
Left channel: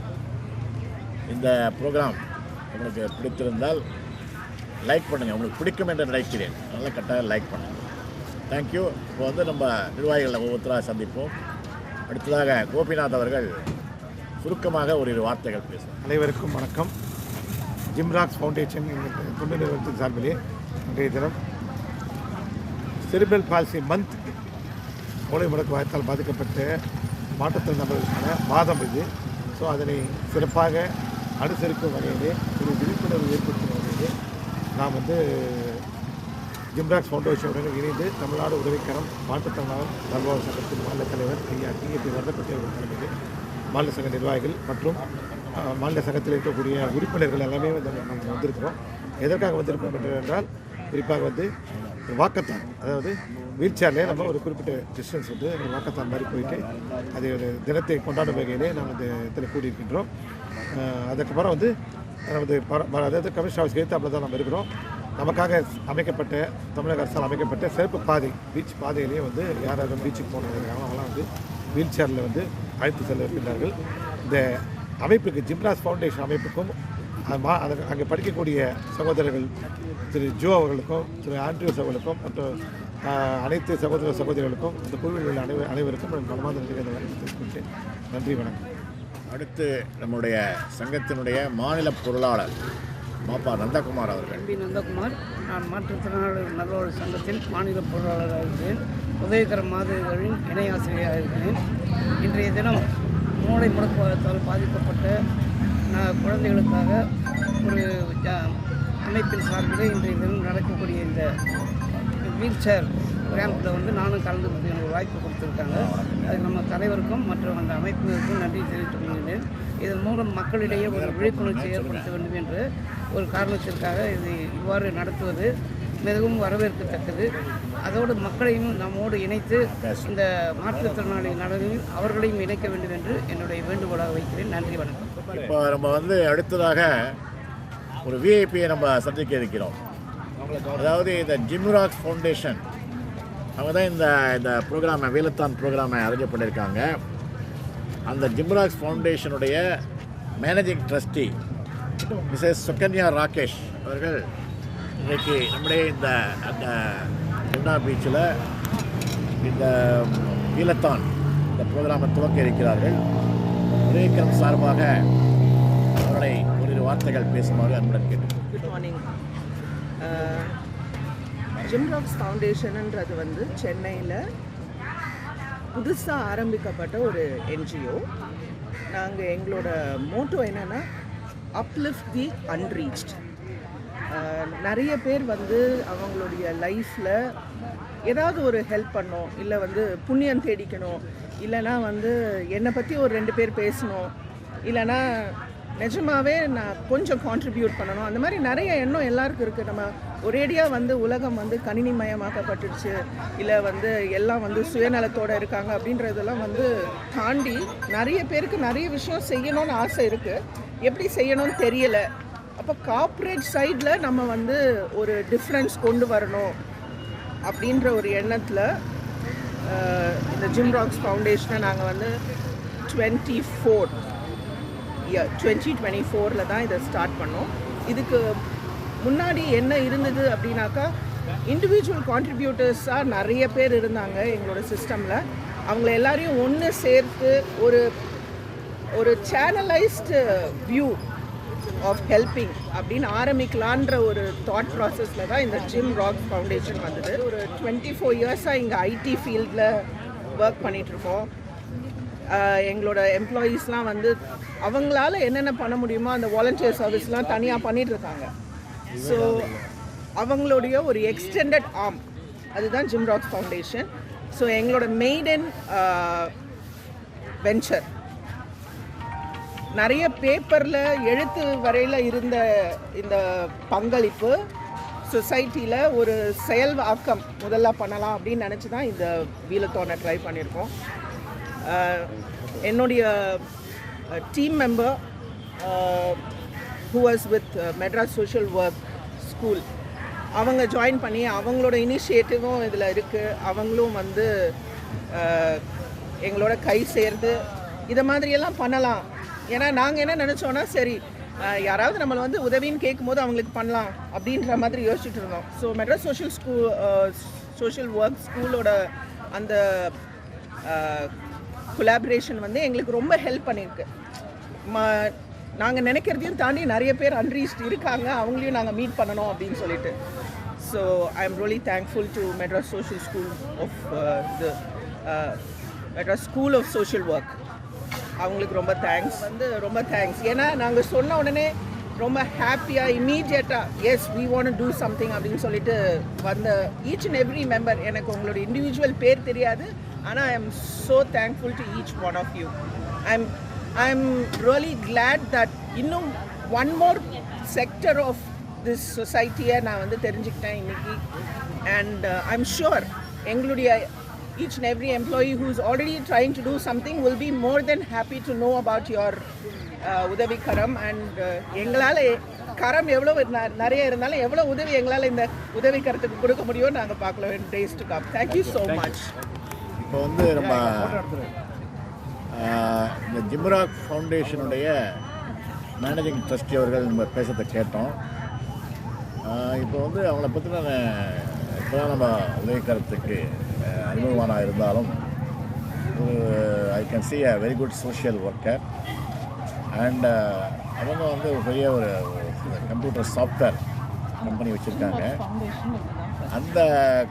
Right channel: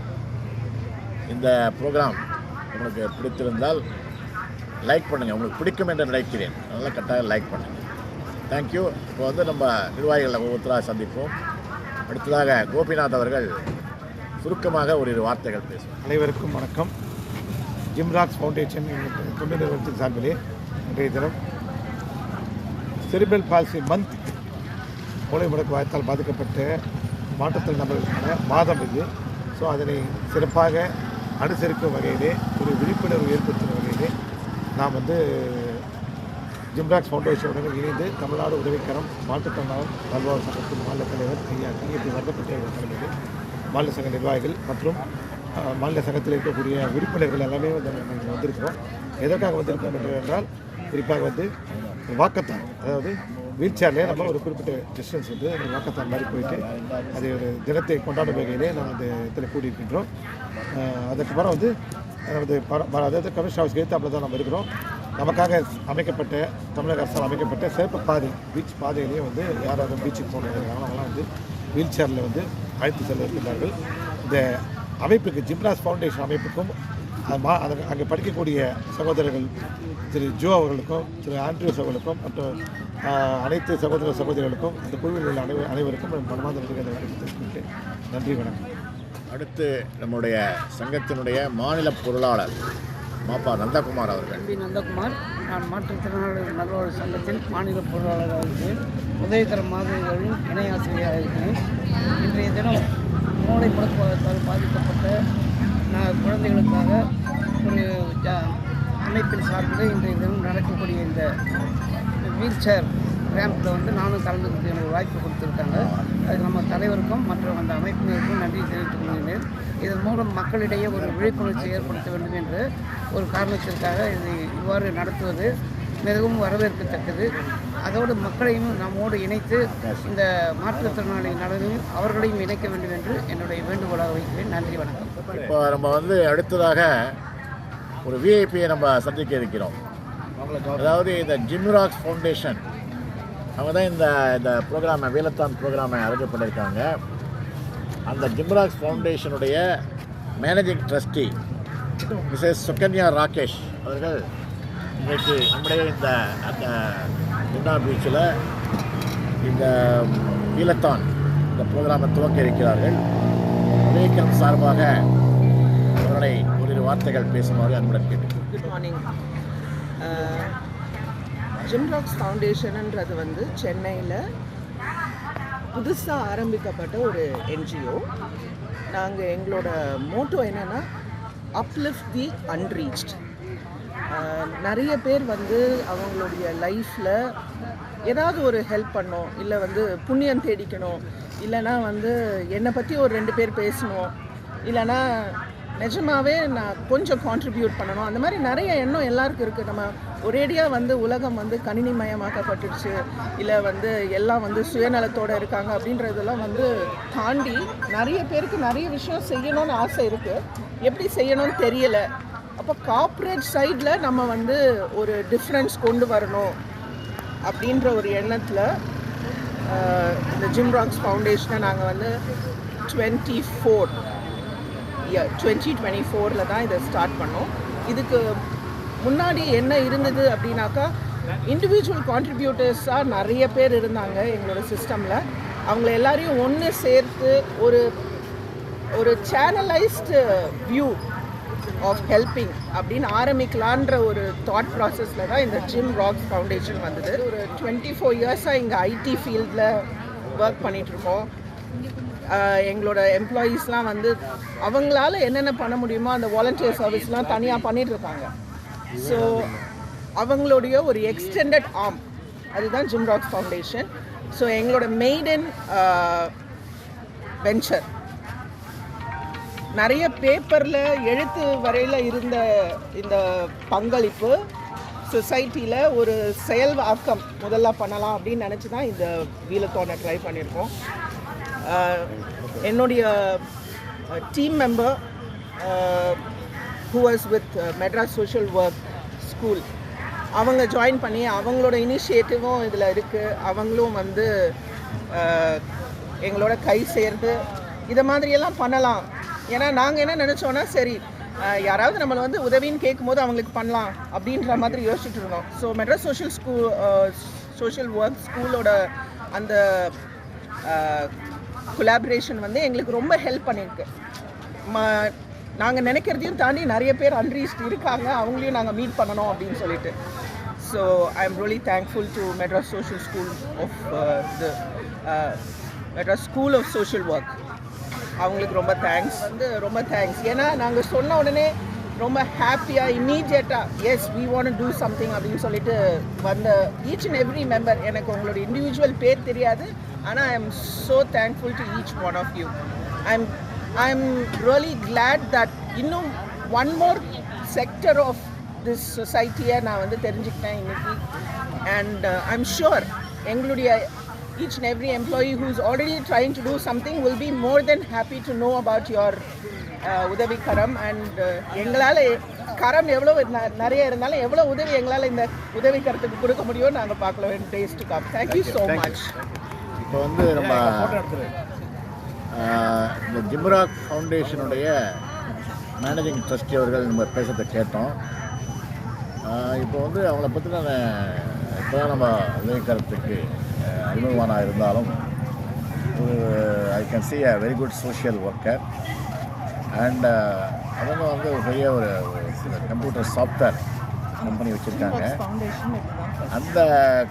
இந்த ப்ரோக்ராம் உங்களுக்கு பிடித்திருந்தால் லைக் பண்ணுங்கள். உங்களுக்கு பிடிக்கும் என்று நினைக்கிறேன், அதனால் கட்டாயம் லைக் பண்ணுங்கள். தேங்க்யூ. இப்போ நம்ம நிர்வாகிகளை ஒவ்வொருத்தராக சந்திப்போம். அடுத்ததாக கோபிநாத் அவர்கள் சுருக்கமாக ஒரு வார்த்தைகள் பேசுவோம். அனைவருக்கும் வணக்கம். ஜிம்ராக்ஸ் ஃபவுண்டேஷன் எங்கள் தொண்டு நிறுவனத்தின் சார்பிலே இன்றைய தினம் செரிப்ரல் பால்சி மந்த், மூளை முடக்குவாதத்தால் பாதிக்கப்பட்ட மாற்றுத்திறன் நபர்களுக்கான மாதம் இது. ஸோ அதனை சிறப்பாக அனுசரிக்கும் வகையிலே ஒரு விழிப்புணர்வு ஏற்படுத்தும் வகையிலே நாம் ஜிம்ராக்ஸ் ஃபவுண்டேஷனுடன் இணைந்து தமிழ்நாடு உதவிக்கரம் மாற்றுத்திறனாளர் நல்வாழ்வு சங்கத்தின் மாநில தலைவர் ஐயா TAP வரதப்பட்டி அவர்கள் தலைமையில் மாநில சங்க நிர்வாகிகள் மற்றும் மாநில சங்கத்தில் இருக்கக்கூடிய உறுப்பினர்கள் எல்லாமே வந்திருக்கிறோம். எதற்காக வந்திருக்கோம் என்றால், குறிப்பாக வாக்கத்தான், அதாவது வீல் சேர்லேயே நம்ம ஒரு குறிப்பிட்ட டிஸ்டன்ஸ் வாக்கத்தான் மாதிரி போயிட்டு அது ஒரு தினத்தை கொண்டாடும் வகையிலே நாம் இந்த இதில் கூடியிருக்கின்றோம். அதுக்கப்புறம் அதாவது கமிஷன் ஹவுஸ் எழுத்தாப்பில் தான் நம்ம இருக்கிறோம். நமக்காக அமைக்கப்பட்ட, தமிழக அரசால் அமைக்கப்பட்ட சிறப்பு பாதை, பீச் பாதையிலேயே யார் யாரும் பீச்சுக்கு போனவங்க அவங்களாம் வீல் சேரில் அழைத்து செல்ல இருக்கின்றார்கள். இந்த அமைப்புக்கு, ஜிம்ராக்ஸ் ஃபவுண்டேஷன் அமைப்புக்கும் அங்கே படிக்கக்கூடிய சகோதரர்கள் திரு ஜோ அவர்களுக்கும் திரு ஆண்ட்ரியூஸ் அவர்களுக்கும் மற்றும் அனைத்து சகோதர சகோதரிகளுக்கும் அந்த குழுவில் உள்ள அனைவருக்கும் மனமார்ந்த நன்றிகளை தெரிவித்துக்கொண்டேன். நன்றி, வணக்கம். அடுத்து நம்முடைய சங்கத்தினுடைய மாநில பொருளாளர் மாப்பா நந்தகுமார் அவர்கள். நந்தகுமார், நான் மாற்றுத்திறனாளர் நல்வாழ்வு சங்கத்தின் மாநில பொருளாளராக இருக்கிறேன். உதவிக்கரம் மாதிரிகளின் இணை ஆசிரியராக இருக்கிறேன். இன்றைய தினம் மூளை முடக்குவாதத்தால் பாதிக்கப்பட்ட குழந்தைகளுக்காக ஒரு அமைப்பின் சார்பில் இன்றைய தினம் நடக்கக்கூடிய இந்த வீல் சேர் ரேம்பில் நானும் கலந்துக்கிறது எனக்கு வாய்ப்பு கொடுத்துருக்காங்க. அதுக்கு நம்ம தலைவருக்கும் மற்றும் அந்த அமைப்பினருக்கும் நன்றி தெரிவித்துக் கொள்கிறேன். இதன் மூலம் மக்களிடையே ஒரு விழிப்புணர்ச்சி ஏற்படுத்த வேண்டும் என்ற ஒரு காரணத்திற்காக இதை இவ்வாறு நடத்துவது மிகவும் வரவேற்கத்தக்கது. அதோடு மக்களையும் நம்மோடு இணைத்து இந்த மாற்றுத்திறனாளி நலனில் அவர்களையும் இணைக்க வேண்டும் என்று என்னுடைய வேண்டுகோளாக வைக்கிறேன். நன்றி, வணக்கம். இப்போ நம்ம அடுத்ததாக ஒரு விஐபியை நம்ம சந்திக்க இருக்கிறோம். அதாவது இந்த ஜிம்ராக்ஸ் ஃபவுண்டேஷன் அவங்க தான் இந்த ப்ரோக்ராமை, வீலத்தான் ப்ரோக்ராமை அரேஞ்ச் பண்ணியிருக்காங்க. அந்த ஜிம்ராக்ஸ் ஃபவுண்டேஷனுடைய managing trustee missus Sukanya Rakesh அவர்கள் இன்றைக்கு நம்முடைய அந்த குண்டா பீச்சில் இந்த வீலத்தான் இந்த ப்ரோக்ராமை துவக்க இருக்கிறார்கள். உதவிக்கரம் சார்பாக அவர்களை ஓரிரு வார்த்தைகள் பேசுமாறு அன்புடன் கேட்டு. Good morning. ஜிம்ராக்ஸ் ஃபவுண்டேஷன்ன்றது வந்து சென்னையில் புதுசாக ஆரம்பிக்கப்பட்ட ஒரு என்ஜிஓ. நாங்கள் எங்களோட மோட்டோ என்னென்னா அப்லிஃப்ட் தி அன்ரீச்ட். நிறைய பேர் வந்து அவங்களுடைய லைஃப்பில் ஏதாவது ஒரு ஹெல்ப் பண்ணணும், இல்லை வந்து புண்ணியம் தேடிக்கணும், இல்லைனா வந்து என்னை பற்றி ஒரு 2 பேர் பேசணும், இல்லைனா நிஜமாகவே நான் கொஞ்சம் கான்ட்ரிபியூட் பண்ணணும். அந்த மாதிரி நிறைய எண்ணம் எல்லாருக்கும் இருக்குது. நம்ம ஒரேடியாக வந்து உலகம் வந்து கணினிமயமாக்கப்பட்டுடுச்சு, இல்லை வந்து எல்லாம் வந்து சுயநலத்தோடு இருக்காங்க அப்படின்றதெல்லாம் வந்து தாண்டி நிறைய பேருக்கு நிறைய விஷயம் செய்யணும்னு ஆசை இருக்குது. எப்படி செய்யணும்னு தெரியலை. அப்போ கார்ப்பரேட் சைடில் நம்ம வந்து ஒரு டிஃப்ரென்ஸ் கொண்டு வரணும் அப்படின்ற ஒரு எண்ணத்தில் இந்த ஜிம்ராக்ஸ் ஃபவுண்டேஷனை நாங்கள் வந்து 2024 தான் இதை ஸ்டார்ட் பண்ணோம். இதுக்கு முன்னாடி என்ன இருந்தது அப்படின்னாக்கா, இண்டிவிஜுவல் கான்ட்ரிபியூட்டர்ஸாக நிறைய பேர் இருந்தாங்க எங்களோட சிஸ்டமில். அவங்கள எல்லாரையும் ஒன்று சேர்த்து ஒரு சேனலைஸ்டு வியூ ஆஃப் ஹெல்பிங் அப்படின்னு ஆரம்பிக்கலான்ற ஒரு தாட் ப்ராசஸில் தான் இந்த ஜிம்ராக்ஸ் ஃபவுண்டேஷன் வந்தது. ஒரு 24 இயர்ஸாக இங்கே ஐடி ஃபீல்டில் ஒர்க் பண்ணிகிட்ருக்கோம். எங்களோட எம்ப்ளாயீஸ்லாம் வந்து அவங்களால என்னென்ன பண்ண முடியுமோ அந்த வாலண்டியர் சர்வீஸ்லாம் தனியாக பண்ணிகிட்ருக்காங்க. ஸோ அவங்களுடைய ஒரு எக்ஸ்டெண்டட் ஆர்ம் அதுதான் ஜிம்ராக்ஸ் ஃபவுண்டேஷன். ஸோ எங்களோட மெய்டன் வெஞ்சர் நிறைய பேப்பரில் எழுத்து வரையில் இருந்த இந்த பங்களிப்பு சொசைட்டியில் ஒரு செயல் ஆக்கம் முதல்ல பண்ணலாம் அப்படின்னு நினச்சி தான் இந்த வீலத்தானை ட்ரை பண்ணியிருக்கோம். என்னுடைய team member who was with Madras social work school, அவங்க ஜாயின் பண்ணி அவங்களோட இனிஷியேட்டிவும் இதில் இருக்குது. அவங்களும் வந்து எங்களோட கை சேர்ந்து இதை மாதிரியெல்லாம் பண்ணலாம். ஏன்னா நாங்கள் என்ன நினச்சோன்னா, சரி யாராவது நம்மளை வந்து உதவின்னு கேட்கும்போது அவங்களுக்கு பண்ணலாம் அப்படின்ற மாதிரி யோசிச்சுட்டு இருந்தோம். ஸோ மெட்ராஸ் சோஷியல் ஒர்க் ஸ்கூலோட அந்த கொலாபரேஷன் வந்து எங்களுக்கு ரொம்ப ஹெல்ப் பண்ணியிருக்கு. நாங்கள் நினைக்கிறதையும் தாண்டி நிறைய பேர் அன்ரீச்ட் இருக்காங்க, அவங்களையும் நாங்கள் மீட் பண்ணணும் அப்படின்னு சொல்லிட்டு. So I am really thankful to Madras social school of Madras school of social work. அவங்களுக்கு ரொம்ப தேங்க்ஸ். ஏன்னா நாங்கள் சொன்ன உடனே ரொம்ப ஹாப்பியாக இமீடியட்டாக yes we want to do something அப்படின்னு சொல்லிட்டு வந்த ஈச் அண்ட் எவ்ரி மெம்பர். எனக்கு உங்களோட இண்டிவிஜுவல் பேர் தெரியாது, ஆனால் I am so thankful to each one of you. I am really glad that இன்னும் one more sector of this சொசைட்டியை நான் வந்து தெரிஞ்சுக்கிட்டேன் இன்னைக்கு. அண்ட் ஐ எம் ஷுர் எங்களுடைய each and every employee who's already trying to do something will be more than happy to know about your உதவி கரம். And எங்களால் கரம் எவ்வளோ நிறைய இருந்தாலும் எவ்வளோ உதவி எங்களால் இந்த உதவி கரத்துக்கு கொடுக்க முடியும்னு நாங்கள் பார்க்கலாம் days to come. Thank you so much. இப்போ வந்து நம்ம இந்த ஜிம்ராக் ஃபவுண்டேஷனுடைய மேனேஜிங் ட்ரஸ்டி அவர்கள் நம்ம பேசுறதை கேட்டோம். இப்போ வந்து அவங்கள பற்றி நான் இப்போ தான் நம்ம உதவி கரத்துக்கு அறிமுகமானாக இருந்தாலும் ஒரு I can see a very good social worker. And அவங்க வந்து ஒரு பெரிய ஒரு கம்ப்யூட்டர் சாஃப்ட்வேர் கம்பெனி வச்சுருக்காங்க. அந்த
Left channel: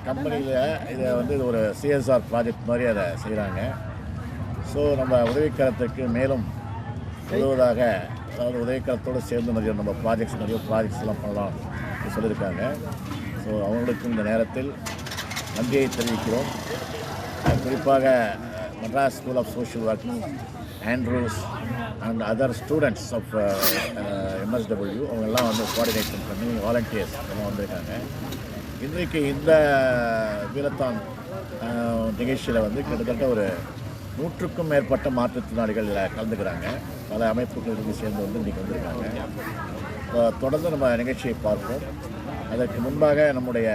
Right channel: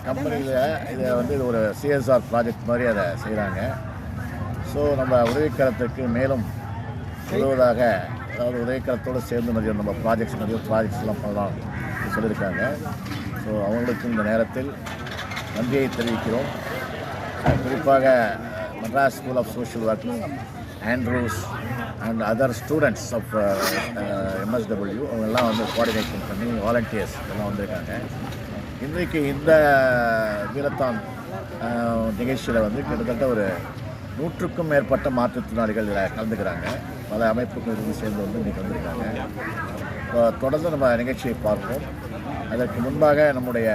கம்பெனியில் இதை வந்து இது ஒரு சிஎஸ்ஆர் ப்ராஜெக்ட் மாதிரி அதை செய்கிறாங்க. ஸோ நம்ம உதவிக்கரத்துக்கு மேலும் உதவுவதாக, அதாவது உதவிக்கரத்தோடு சேர்ந்து நிறைய நம்ம நிறைய ப்ராஜெக்ட்ஸ்லாம் பண்ணலாம் சொல்லியிருக்காங்க. ஸோ அவங்களுக்கு இந்த நேரத்தில் நன்றியை தெரிவிக்கிறோம். குறிப்பாக Madras school of social work, Andrews and other students of MSW அவங்கெல்லாம் வந்து கோஆர்டினேஷன் பண்ணி வாலண்டியர்ஸ் எல்லாம் வந்திருக்காங்க. இன்றைக்கு இந்த வீலத்தான் நிகழ்ச்சியில் வந்து கிட்டத்தட்ட ஒரு 100க்கும் மேற்பட்ட மாற்றுத்திறனாளிகள் இதில் கலந்துக்கிறாங்க. பல அமைப்புகள் சேர்ந்து வந்து இன்றைக்கி வந்திருக்காங்க. இப்போ தொடர்ந்து நம்ம நிகழ்ச்சியை பார்ப்போம். அதற்கு முன்பாக நம்முடைய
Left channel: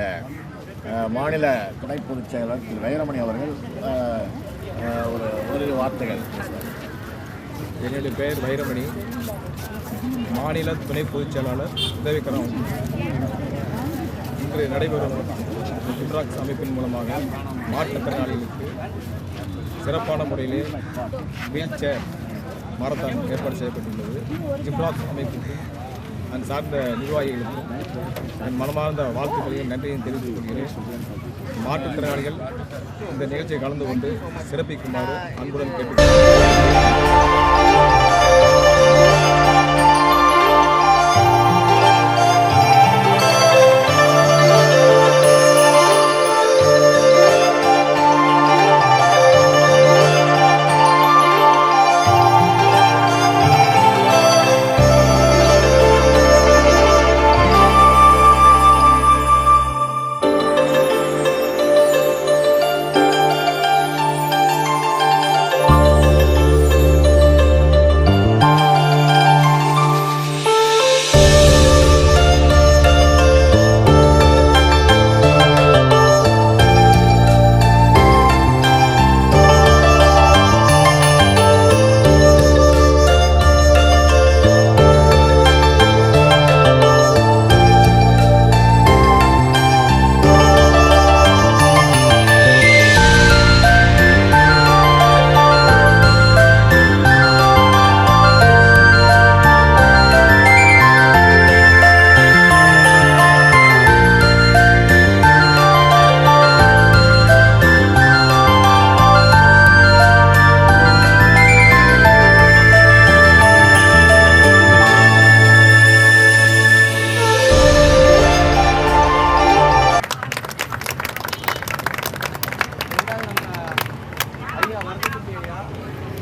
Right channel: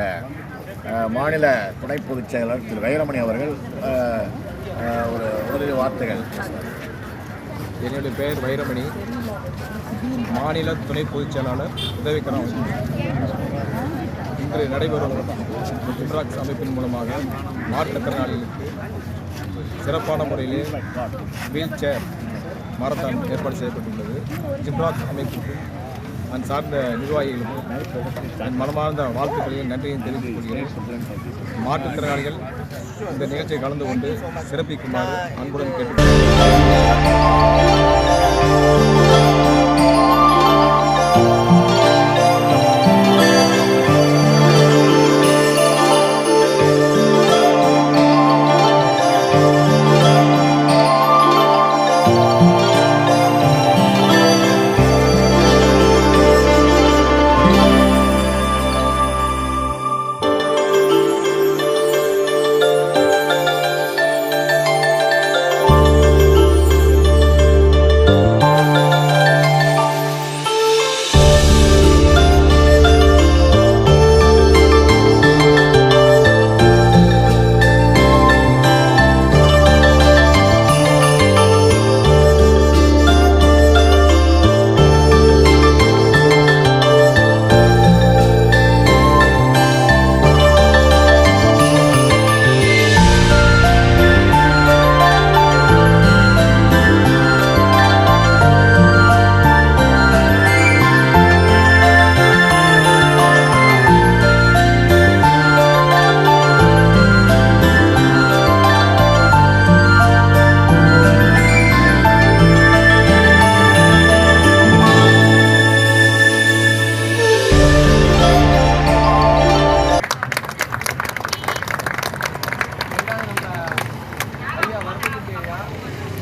மாநில துணை பொதுச் செயலாளர் திரு வைரமணி அவர்கள் ஒரு வார்த்தைகள் பேசுவார். என்னுடைய பெயர் வைரமணி, மாநில துணை பொதுச் செயலாளர் உதவிக்கரம். இன்று நடைபெறும் ஜிம்ராக்ஸ் அமைப்பின் மூலமாக மாற்றுத்திறனாளிகளுக்கு சிறப்பான முறையிலே வீல் சேர் மாரத்தான் ஏற்பாடு செய்யப்பட்டுள்ளது. ஜிப்ராக் அமைப்புக்கும் அந்த சார்ந்த நிர்வாகிகளுக்கும் என் மனமார்ந்த வாழ்த்துக்களையும் நன்றியையும் தெரிவித்துக் கொள்கிறேன். மாற்றுத்திறனாளிகள் இந்த நிகழ்ச்சியை கலந்து கொண்டு சிறப்பிக்குமாறு அன்புடன் கேட்டுக்கொள்கிறேன்.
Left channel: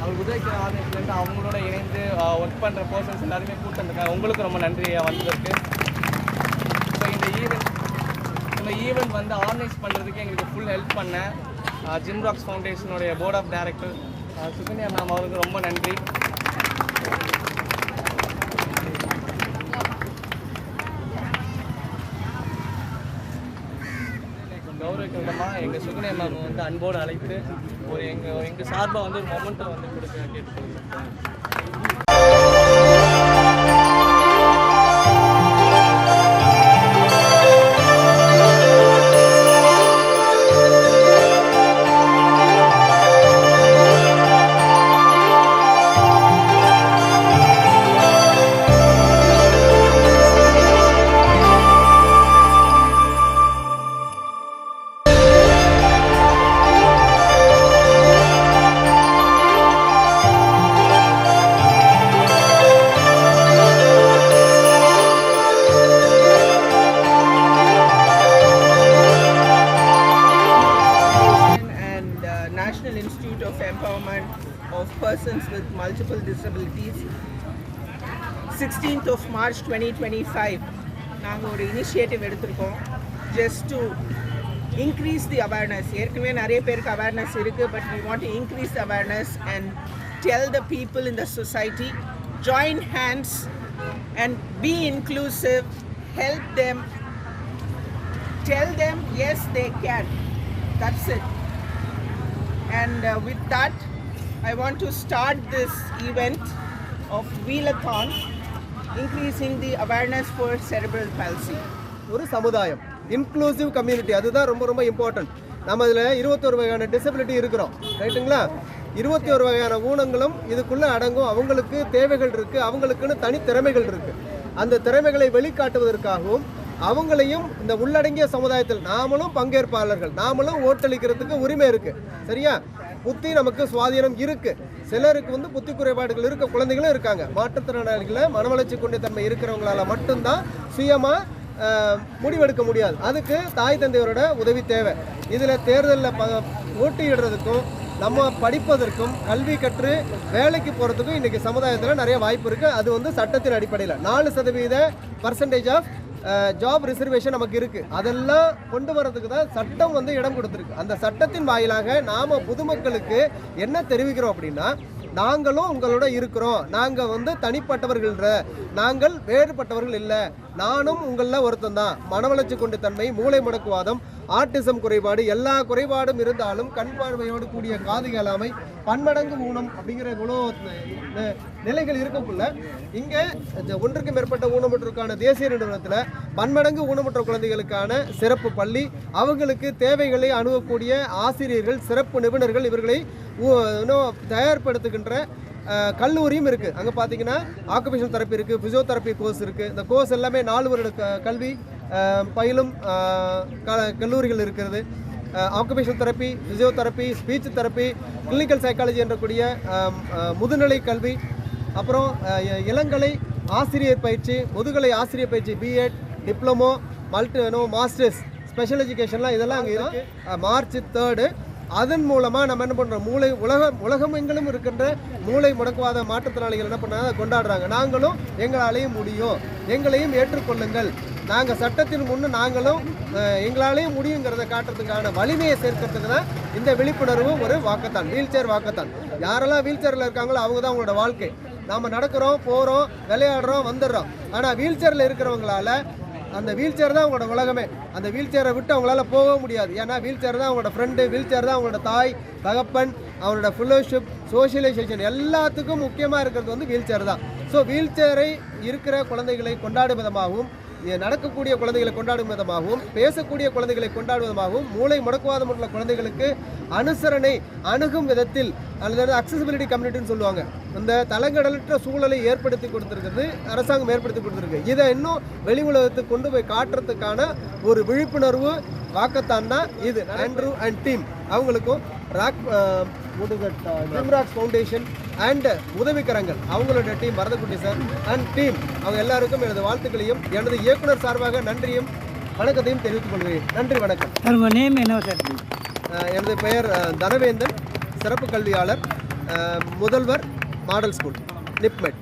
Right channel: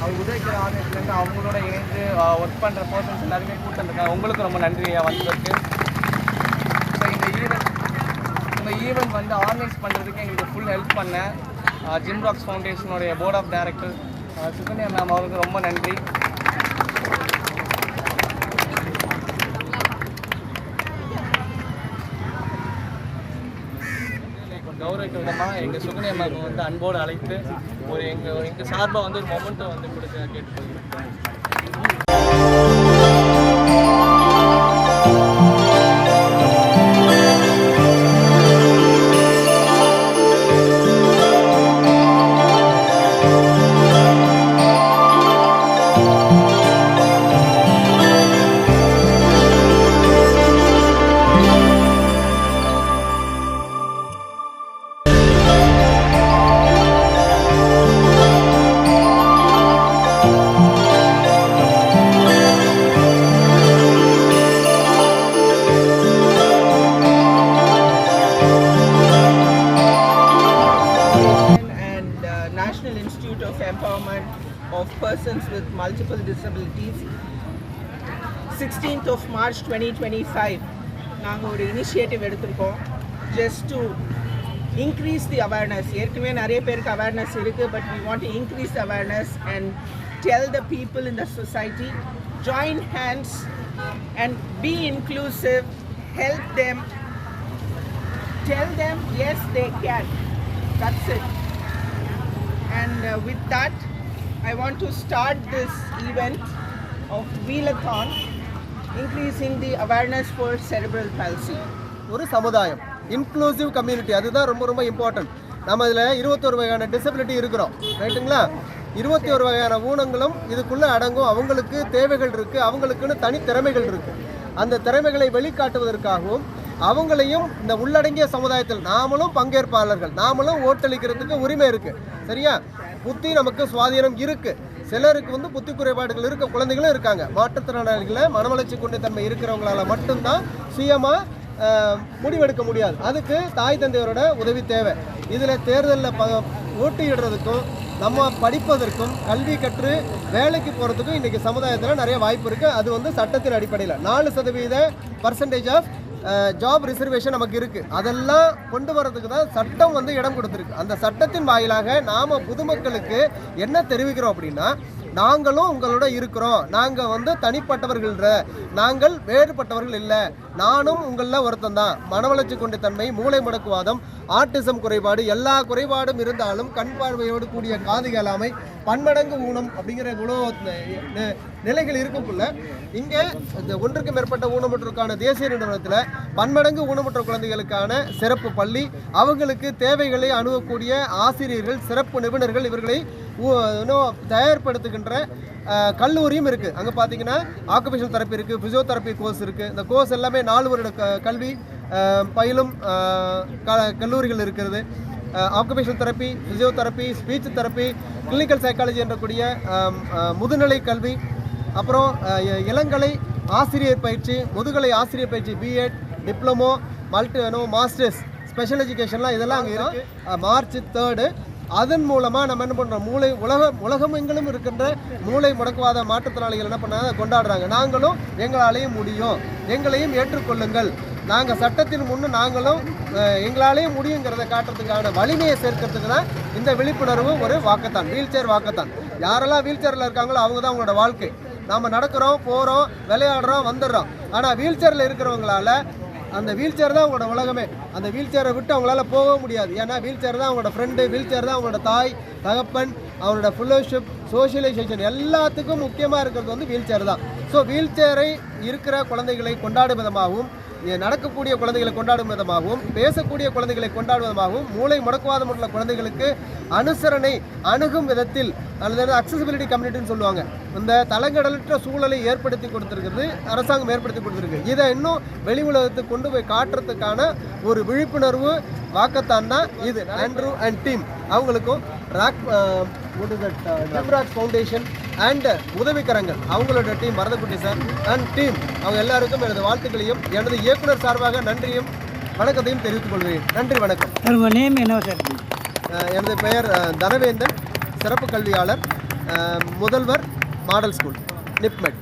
அவர் உதவிக்கிற ஆர்கனைஸ்லேருந்து அவங்களோட இணைந்து ஒர்க் பண்ணுற பர்சன்ஸ் எல்லாருமே கூட்டம் இருக்காங்க. உங்களுக்கு ரொம்ப நன்றி வந்ததுக்கு. ஸோ இந்த ஈவெண்ட் வந்து ஆர்கனைஸ் பண்ணுறதுக்கு எங்களுக்கு ஃபுல் ஹெல்ப் பண்ண ஜிம்ராக்ஸ் ஃபவுண்டேஷனுடைய board of director Sukanya ma'am அவருக்கு ரொம்ப நன்றி. கௌரவிக்க விதமாக எங்கள் சுகன்யா மேம் வந்து அன்போடு அழைத்து ஒரு எங்கள் சார்பாக வந்து ஒரு மொமெண்ட்டை வந்து கொடுக்க கேட்டுக்கொள்கிறோம். National Institute of Empowerment of Persons with Multiple Disabilities 16th of March 2025 நாங்கள் ஒரு இனிஷியேட்டிவ் எடுத்திருக்கோம் just to increase the awareness. ஏற்கனவே நிறைய பேருக்கு awareness இருக்குது, but we want to increase the awareness and tell the people in the society, join hands and be inclusive, help them, tell them yes they can. That's it. And with that, I want to start this event of Wheelathon, increasing the awareness for cerebral palsy. ஒரு சமுதாயம், inclusive community, அதுதான் ரொம்ப ரொம்ப important. நம்ம இதில் 21 வகையான disability இருக்கிறோம், ரைட்டுங்களா? 21 வகையான ஊனங்களும் இதுக்குள்ளே அடங்கும். அவங்களுக்கு தேவைகள் இருக்குது, அவங்களுக்குன்னு தனி திறமைகள் இருக்குது. அந்த திறமைகளை வெளிக்காட்டுவதற்காகவும் அவங்களையும் இந்த உள்ளடங்கிய சமுதாயத்தில் நாமளும் பங்கேற்பாளர்கள், நாமளும் ஓட்டளிக்கிறதுக்கு உரிமை இருக்குது. சரியா? புத்தி நமக்கு சுவாதீனம் இருக்குது. சிலருக்கு வந்து புத்தி குறைபாடுகள் இருக்க குழந்தைகளும் இருக்காங்க. மாற்றுத்திறனாளிகளை மனவளர்ச்சி கொண்ட இருக்கிறவங்களால மட்டும்தான் சுயமாக முடிவெடுக்க முடியாது. அதுக்கு தாய் தந்தையரோட உதவி தேவை. இதில் தேர்தலில் போட்டியிடுறதுக்கும் நம்ம படிப்பதற்கும் கல்வி கற்று வேலைக்கு போகிறதுக்கும் இன்றைக்கி சமுதாயத்தில் நிறைய வாய்ப்பு இருக்குது. அது வந்து சட்டத்தின் அடிப்படையில் 4% ஆஃப் ஜாப் ரிசர்வேஷன் நமக்கு இருக்குது. அதெல்லாம் கொண்டு வரதுக்கு தான் சட்டம் வந்து இடம் கொடுத்துருக்கு. அந்த சட்டத்தின் வாயிலாக நாம் பொதுமக்களுக்கு என்ன தெரிவிக்கிறோம் அப்படின்னா, நாங்களும் உங்களோட இருக்கிறோம், நாங்கள் வந்து தனிப்பட்டவர்கள்ன்ற, நாங்கள் வேறுபட்டவர்கள் இல்லை, நானும் உங்களில் ஒருத்தன் தான். மனவளர்ச்சி கொண்ட தன்மை, மூளை முடக்குவாதம், ஆட்டிசம் குறைபாடு, எல்லா குறைபாடும் இருந்தாலும் கண் பார்வையோடு கூடிய காது கேளாமை, பன்மடங்கு ஊனம் அப்படிங்கிற இவ்வளோ நிலைகள் இருக்கும்ல. இங்கே இந்த ஒன்றுக்கு மேற்பட்ட ஊனமுற்றோருக்கான தேசிய நிறுவனத்தில் பன்மடங்கு ஊனமுற்ற குழந்தைகளுக்கான சிறப்பு பள்ளி, அவங்களுக்கு தேவைகளை அணுகக்கூடிய ஆசிரியர்கள், சிறப்பு நிபுணர்கள், இவர்களை இன்னும் தயார்படுத்துகின்ற கல்லூரியும் இருக்குது. அங்கே பார்த்தீங்கன்னா ஆக்குபேஷன் தெரப்பி இருக்குது, ஃபிசியோதெரப்பி கோர்ஸ் இருக்குது. இந்த கோர்ஸ் எல்லாமே 4 வருட கல்வி பயிலும் கல்லூரிகள் இருக்கிறது. Occupation therapy, physiotherapy, speech therapy, clinical psychology என்றக்கூடிய முதுநிலை கல்வி, அப்புறம் இளங்கலை ஆசிரியர் பயிற்சி, முதுகலை ஆசிரியர் பயிற்சி, பிஎட், டிப்ளமோ, மாஸ்டர்ஸ், ஸ்பெஷல் எஜுகேஷன்லாம் இதெல்லாம் அங்கே இருக்குது. மார்ச் 3 அதன் மூலமாக நம்ம என்ன பண்ணுறோம், உலகமெங்கிலும் இருக்கின்ற மூளை முடக்குவாத மாற்றுத்திறனாளிகள் என்ன பண்ணாங்க, கொண்டாடுறாங்க. நாங்களும் எங்களாலேயும் முடியும், எங்களையும் ஏற்றுக்கொள்ளுங்கள், நாங்கள் சட்டத்தின் முன்னு நாங்களும் எங்களாலேயும் முடியுங்கிறத காட்டுறதுக்கான வலிமையை சேர்க்கறதுக்கு தான் இந்த விழிப்புணர்வு ஒரு வாக்கத்தான், வீல் சேர் வாக்கத்தான். யாரெல்லாம் வீல் சேரில் இருக்காங்களோ அவங்க தான் அவங்களோட வாழ்க்கை. நாம் நடக்கிறோம், போகிறோம், விளையாடுறோம், வந்துடுறோம். ஆனால் வீல் சேரில் இருக்கிறவங்களால அந்த வீல் சேர் தான் அவங்களோட உலகமே. அந்த வீல் சேரை விட்டு அவங்களால போக முடியாது. ஏன்னா வீல் சேர் தான் அவங்களோட ஃப்ரெண்டு, வீல் சேர் தான் அவங்களோட தாய் தகப்பன், அவங்களோட ஃபெல்லோஷிப், சோஷியலைசேஷன் எல்லாத்துக்கும் முக்கியமாக இருக்கிறது வந்து வீல் சேர் தான். ஸோ வீல் சேரை இருக்கிற குழந்தைகளை கொண்டாடும் விதமாகவும், நடக்கக்கூடிய குழந்தைகளை கொண்டாடும் விதமாகவும், பேசக்கூடிய குழந்தைகளை கொண்டாடும் விதமாகவும், மூளை முடக்குவாதம் உள்ள குழந்தைகளுக்கு அனுசரணை அணுகும் விதத்தில், அல்லது அக்சசிபிலிட்டி கம்யூனிட்டின்னு சொல்லுவாங்க, இந்த தலங்கடலற்ற சூழலை ஏற்படுத்தி கொடுத்துருக்குது அரசாங்கம், ஏற்படுத்தி கொடுத்துருக்கு. இதை இன்னும் வெளி உலகத்துக்கு கொண்டு போய் காட்டுறதுக்கான ஒரு விழிப்புணர்வு வாக்கத்தான் தான் இது. ஆண்ட்ரூ அண்ட் டீம் அவங்களுக்கும் ஜிம்ராக்ஸ் ஃபவுண்டேஷன் அண்ட் உதவிக்கரங்கள் அவங்களோட டீம், மரதக்குட்டி சார் அண்ட் டீம், அவங்க எல்லாருக்கும் எனது வாழ்த்துக்களையும் எனது இயக்குனர் சார்பாக நன்றியும் வணக்கத்தையும் தெரிவித்துக் கொள்கிறேன். நன்றி, வணக்கம். உங்கள் நேம் என்ன சார்? எனது பெயர் தனவேந்தன், சிறப்பு கல்வியாளர், முதல்வர், மாடல் ஸ்கூல், நிப்மெட்.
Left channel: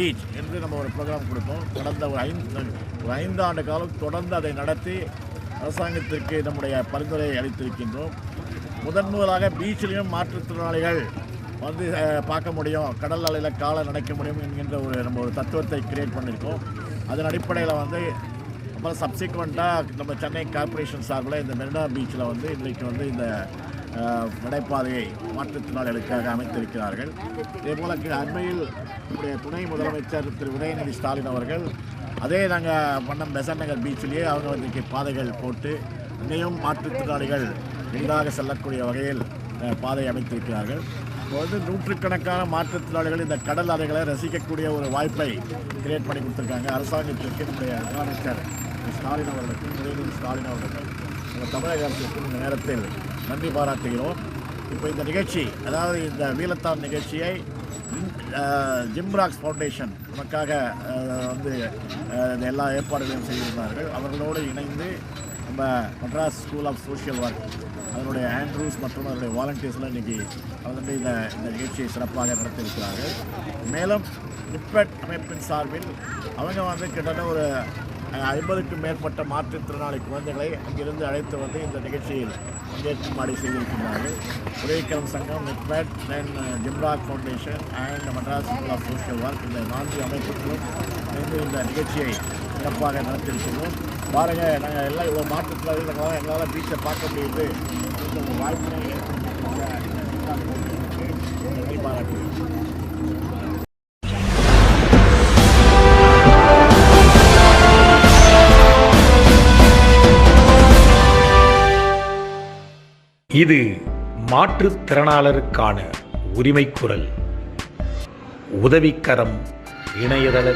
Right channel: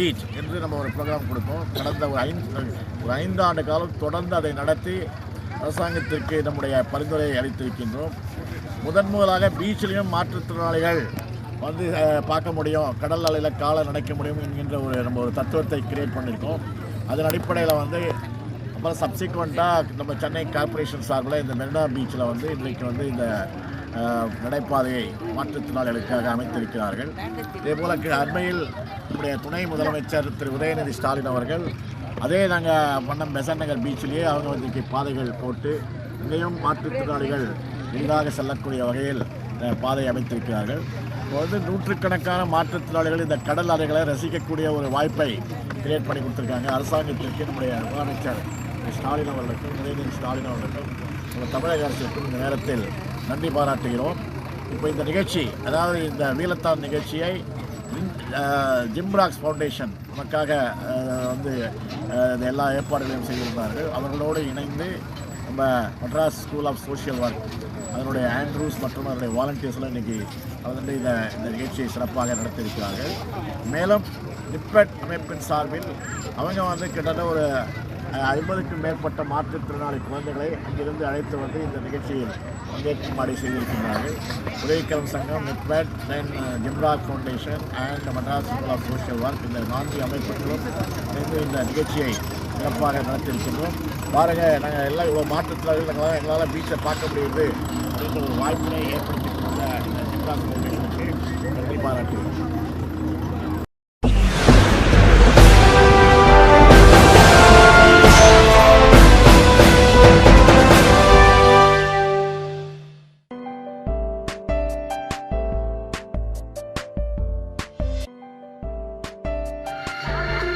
பீச் என்று நம்ம ஒரு ப்ரோக்ராம் கொடுத்தோம். கடந்த ஒரு 5 ஆண்டு காலம் தொடர்ந்து அதை நடத்தி அரசாங்கத்திற்கு நம்முடைய பரிந்துரையை அளித்திருக்கின்றோம். முதலாக பீச்சிலையும் மாற்றுத்திறனாளிகள் வந்து பார்க்க முடியும், கடல் அலையில் காலை நனைக்க முடியும் என்கின்ற நம்ம ஒரு தத்துவத்தை கிரியேட் பண்ணியிருக்கோம். அதன் அடிப்படையில் வந்து அப்புறம் சப்சிக்வெண்ட்டாக நம்ம சென்னை கார்ப்பரேஷன் சார்பில் இந்த மெரினா பீச்சில் வந்து இன்றைக்கு வந்து இந்த நடைபாதையை மாற்றுத்திறனாளிகளுக்காக அமைத்திருக்கிறார்கள். இதேபோல் அண்மையில் நம்முடைய துணை முதலமைச்சர் திரு உதயநிதி ஸ்டாலின் அவர்கள் அதே நாங்கள் பண்ணம் பெசன்ட் நகர் பீச்சிலேயே அவங்க வந்து பாதைகள் போட்டு இங்கேயும் மாற்றுத்திறனாளிகள் எளிதாக செல்லக்கூடிய வகையில் பாதை அமைத்திருக்கிறார்கள். இப்போ வந்து நூற்றுக்கணக்கான மாற்றுத்திறனாளிகள் இந்த கடல் அலைகளை ரசிக்கக்கூடிய ஒரு வாய்ப்பை கிரியேட் பண்ணி கொடுத்துருக்காங்க. அரசாங்கத்திற்கு நம்முடைய முதலமைச்சர் ஸ்டாலின் அவர்களுக்கும் உதயநிதி ஸ்டாலின் அவர்களுக்கும் நம்ம தமிழக அரசுக்கும் இந்த நேரத்தில் நன்றி பாராட்டுகிறோம். இப்போ இந்த நிகழ்ச்சி, அதாவது இந்த வீலத்தான் நிகழ்ச்சியை ஜிம்ராக்ஸ் ஃபவுண்டேஷன் நமக்காக வந்து எல்லா ஏற்பாடுகளையும் செய்திருந்தார்கள். அவர்களோடு இணைந்து நம்ம Madras school of social work அதனுடைய ஆண்ட்ரூஸ் மற்றும் அதனுடைய வாலண்டியர்ஸ்லாம் இன்றைக்கி வந்து இந்த நிகழ்ச்சியை சிறப்பாக நடத்தியிருக்கிறார்கள். மேலும் நிப்பட் அமைப்பின் சார்பில் அவங்க வந்து கிட்டத்தட்ட ஒரு 50க்கும் மேற்பட்ட மாற்றுத்திறனாளி குழந்தைகளை அங்கிருந்து அழைத்து வந்து இந்த நிகழ்ச்சியில் பங்கேற்கும்படி செய்திருக்கிறார்கள். உதவிக்கரம் சங்கம், நிப்பட், தென் ஜிம்ராக் foundation and Madras school of social work, இந்த 4 அமைப்புகளும் இணைந்து இந்த நிகழ்ச்சியை சிறப்பாக நடத்தியிருக்கின்றோம். பாருங்கள், நாங்கள் எல்லாம் இவ்வளோ மாற்றுத்திறனாளிகள் எங்களால் பீச்சை பார்க்க முடியுது அப்படின்ற ஒரு வாய்ப்பினை ஏற்படுத்தியிருக்காங்க. இந்த ஜிம்ராக் ஃபவுண்டேஷனுக்கு நன்றி பாராட்டுகிறோம். இது மாற்றுத்திறனாளருக்கான உரிமை குரல். உதவிக்கரம் இணையதள